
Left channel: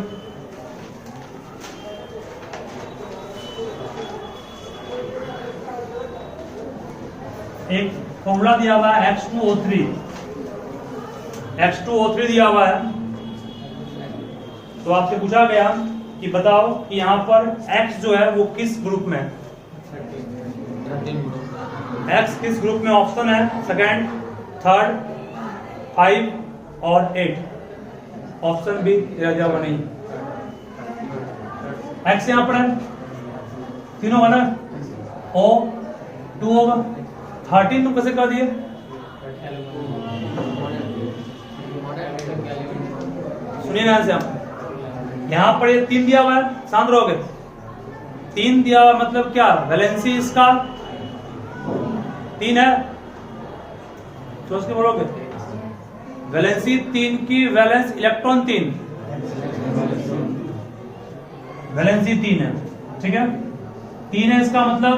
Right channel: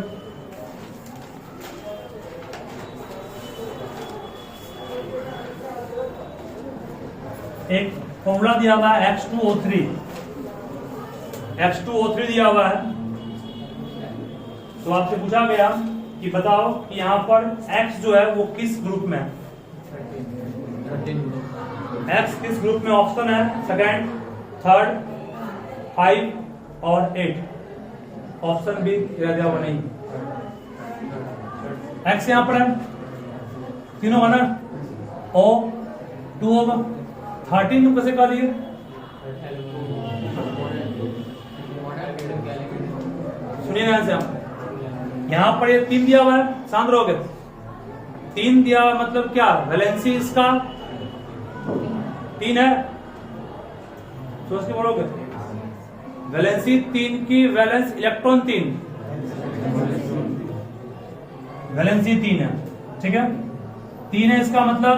एक फॉर्मूला दिया हुआ है H2O3 दिया हुआ है। तो आपसे पूछा गया कि बताओ कि यहाँ पर X जो है वो किस ग्रुप में है, X किस ग्रुप में, ऑप्शन है सेकंड, थर्ड, 5 और 8। ऑप्शन बी दिया हुआ नहीं। एक्स यहां पर है, 3 होगा ना, O 2 होगा, 13 तुम कैसे कर दिए, सुनिए ना से यहां पर ये 3 दिया हुआ है, शांत रहोगे। 3 दिया हुआ मतलब क्या, वैलेंसी इसका 3 है, सोच के बोलोगे, वैलेंसी 3 की वैलेंस इलेक्ट्रॉन 3, वैलेंसी 3 है। ठीक है, 3 है इसका मतलब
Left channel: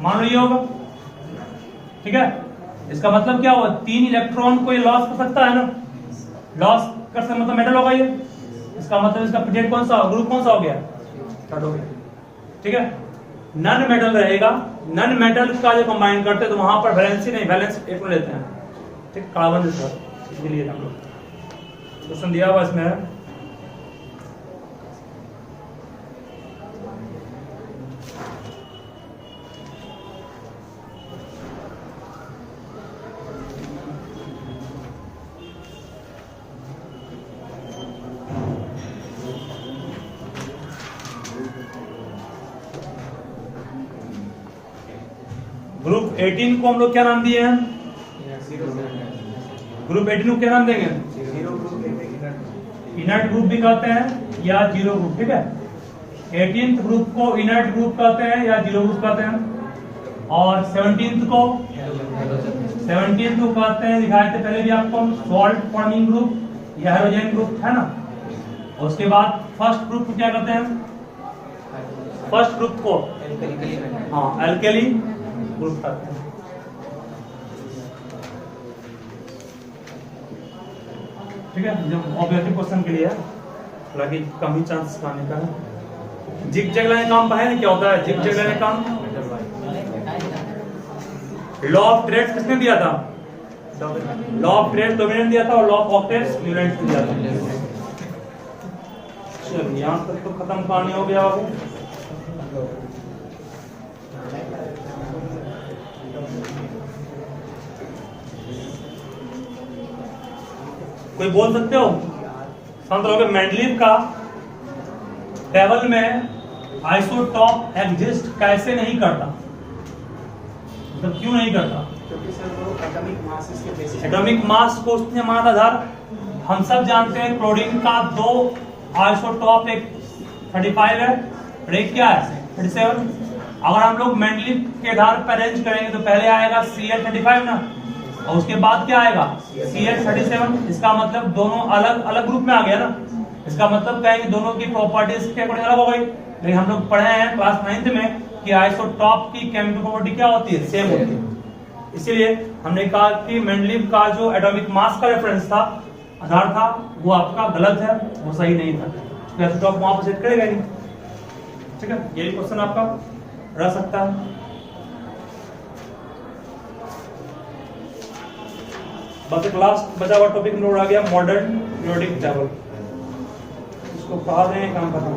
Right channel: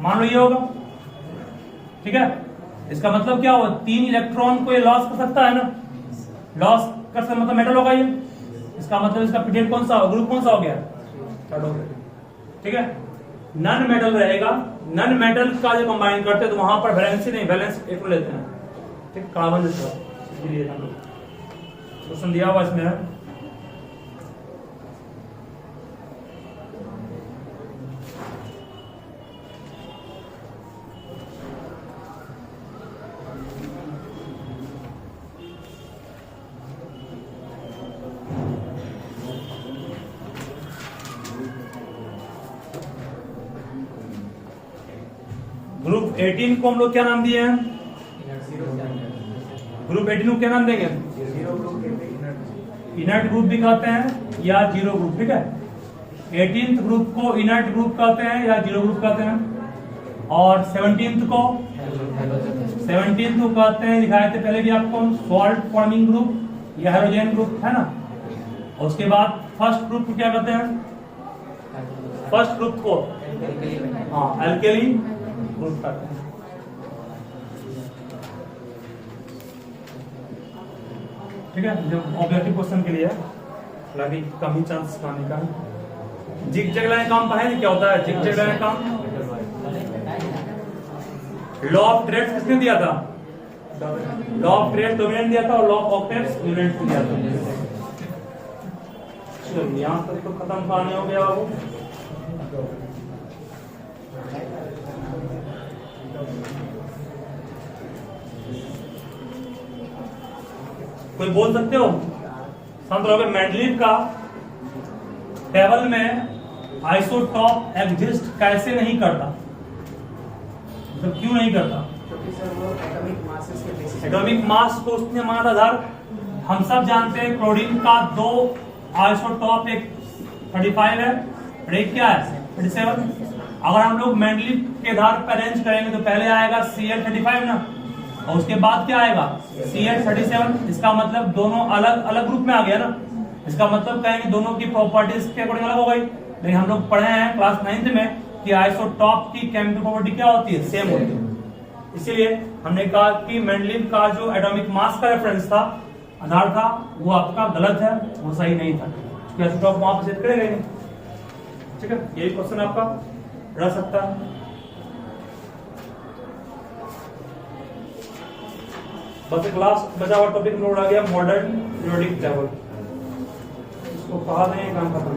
मान लो ये होगा। ठीक है, इसका मतलब क्या हुआ, 3 इलेक्ट्रॉन को ये लॉस कर सकता है ना, लॉस कर सकता मतलब मेटल होगा ये, इसका मतलब इसका पीरियड कौन सा, ग्रुप कौन सा हो गया, थर्ड हो गया। ठीक है, नन मेटल रहेगा, नन मेटल का जो कंबाइन करते हैं तो वहां पर वैलेंसी नहीं, वैलेंस एक में लेते हैं। कार्बन इसलिए क्वेश्चन दिया हुआ इसमें है। ग्रुप 18 को हम लोग क्या नाम दिए हैं, ग्रुप 18 को क्या नाम देंगे, इनर्ट ग्रुप भी कहते हैं या जीरो ग्रुप। ठीक है, 18th ग्रुप को इनर्ट ग्रुप कहते हैं या जीरो ग्रुप कहते हैं, और 17th को कहते हैं, दिखाए थे पहले भी आपको, सॉल्ट फॉर्मिंग ग्रुप या हाइड्रोजन ग्रुप है ना। और उसके बाद फर्स्ट ग्रुप को क्या कहते हैं, फर्स्ट ग्रुप को हाँ एल्केली ग्रुप कहते हैं। ठीक है, जब ऑब्जेक्टिव क्वेश्चन के लिए हालांकि कम ही चांस पाने का है। जिग जैग लाइन काम पर है ना, क्या होता है जिग जैग लाइन काम, लॉ ऑफ पीरियड्स किसने दिया था, लॉ ऑफ पीरियड डोमिनेंट दिया था और लॉ ऑफ ऑक्टेट्स न्यूरेंट दिया था। चलिए यहां तक तो खत्म कहानी हो गया बाबू। कोई बोल सकते हो, शांत रहोगे। मेंडलीव का टेबल में आइसोटॉप एग्जिस्ट कैसे नहीं करता, मतलब क्यों नहीं करता? क्योंकि सर वो एटॉमिक मासेस के बेसिस पे एटॉमिक मास को उसने माना था आधार। हम सब जानते हैं क्लोरीन का 2 आइसोटॉप, एक 35 है और एक क्या है 37। अगर हम लोग मेंडलीव के आधार पर अरेंज करेंगे तो पहले आएगा Cl35 ना, और उसके बाद क्या आएगा Cl37। इसका मतलब दोनों अलग अलग ग्रुप में आ गया ना, इसका मतलब कहेंगे दोनों की प्रॉपर्टीज के अकॉर्डिंग अलग हो गई। लेकिन हम लोग पढ़े हैं क्लास 9th में कि आइसोटॉप की केमिकल प्रॉपर्टी क्या होती है, सेम होती है। इसीलिए हमने कहा कि मेंडलीव का जो एटॉमिक मास का रेफरेंस था, आधार था, वो आपका गलत है, वो सही नहीं था, क्योंकि आइसोटॉप वहां पर सेट करेगा नहीं। ठीक है, ये क्वेश्चन आपका रह सकता है। बस एक लास्ट बचा हुआ टॉपिक नोट आ गया, मॉडर्न पीरियोडिक टेबल। इसको कहा दें काम करना।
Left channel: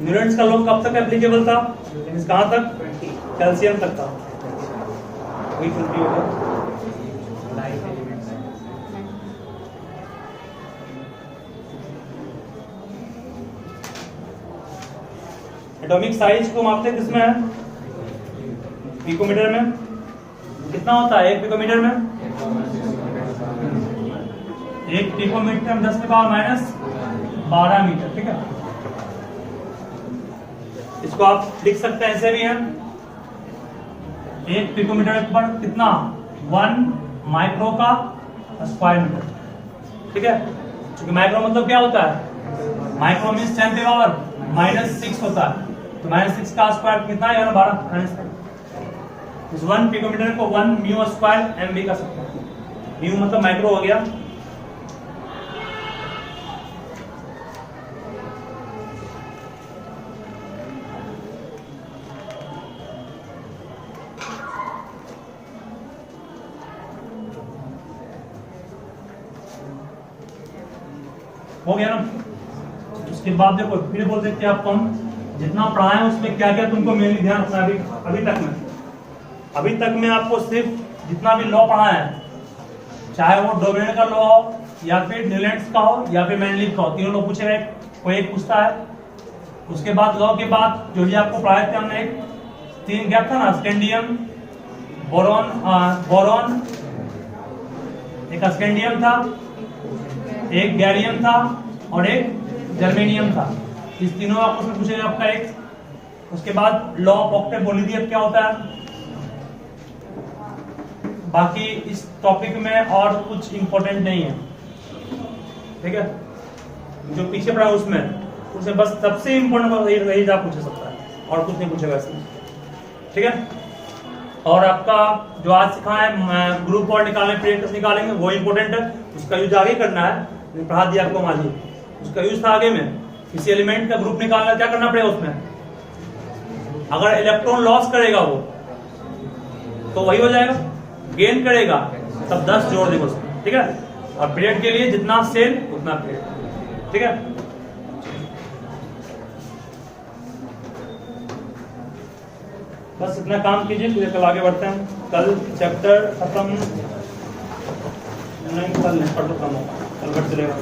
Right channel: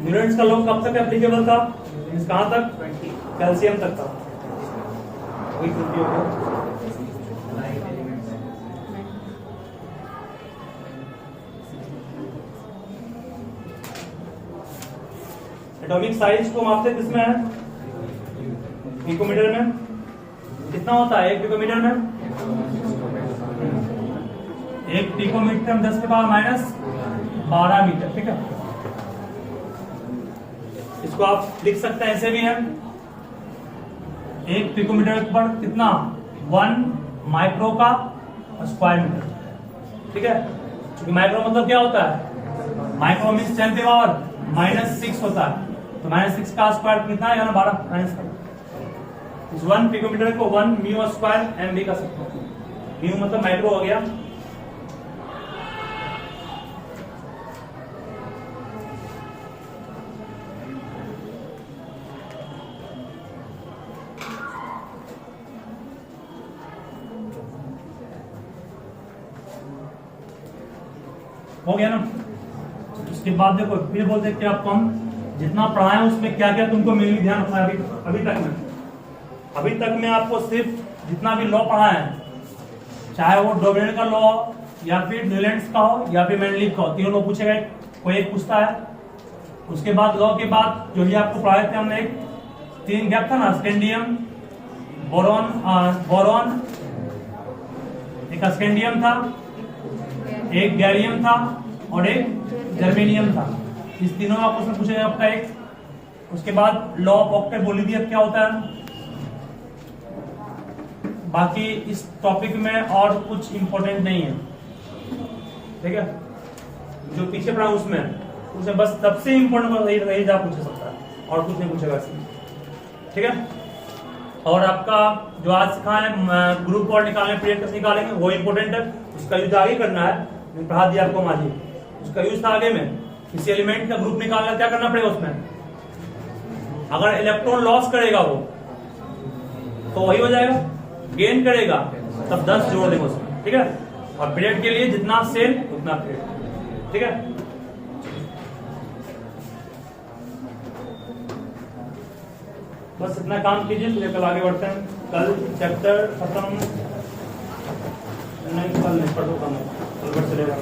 न्यूटन्स का लॉ कब तक एप्लीकेबल था? कहां तक? कैल्शियम तक था। वही 20 होगा। एटॉमिक साइज को मापते किसमें है? पिकोमीटर में। कितना होता है 1 पिकोमीटर में? 1 पिकोमीटर में 10⁻⁻12 मीटर। ठीक है, इसको आप लिख सकते हैं ऐसे भी है, 1 पिकोमीटर पर कितना? 1 माइक्रो का स्क्वायर मीटर। ठीक है, क्योंकि माइक्रो मतलब क्या होता है? माइक्रो मीन्स 10⁻⁻6 होता है, तो -6 का स्क्वायर कितना है? 12। इस 1 पिकोमीटर को 1 म्यू स्क्वायर एम भी कर सकते हैं। म्यू मतलब माइक्रो हो गया। हो गया ना। उसके बाद देखो फिर बोलते हैं कि आपको हम जितना पढ़ाए उसमें क्या क्या तुमको मेनली ध्यान रखना है। अभी तक में आपको सिर्फ जितना भी लॉ पढ़ा है, चाहे वो डोवेन का लॉ हो या फिर न्यूलैंड्स का हो या फिर मेंडलीव का हो, तीनों लॉ पूछे गए, कोई एक पूछता है। उसके बाद लॉ के बाद जो भी आपको पढ़ाए थे हमने, एक 3 गैप था ना, स्कैंडियम, बोरॉन, एक स्कैंडियम था, एक गैरियम था और एक जर्मेनियम था। इस तीनों आपको उसमें पूछेगा आपका एक। उसके बाद लॉ ऑफ ऑक्टेबोलिडियम क्या होता है। बाकी इस टॉपिक में और कुछ इंपॉर्टेंट नहीं है। ठीक है, जो पीछे पढ़ा उसमें बस सबसे इंपॉर्टेंट रही था पूछ सकता है, और कुछ नहीं पूछेगा इसमें। ठीक है, और आपका जो आज सिखाए ग्रुप और निकालने, प्रेड निकालेंगे, वो इंपॉर्टेंट है, उसका यूज आगे करना है। पढ़ा दिया आपको माजी, उसका यूज था आगे में। किसी एलिमेंट का ग्रुप निकालना, क्या करना पड़ेगा उसमें? अगर इलेक्ट्रॉन लॉस करेगा वो तो वही हो जाएगा, गेन करेगा तब 10 जोड़ देंगे उसमें। ठीक है, और पीरियड के लिए जितना सेल उतना पीरियड। ठीक है, बस इतना काम कीजिए, फिर कल आगे बढ़ते हैं। कल चैप्टर खत्म नहीं, कल पढ़ सकता हूँ, कल चलेगा।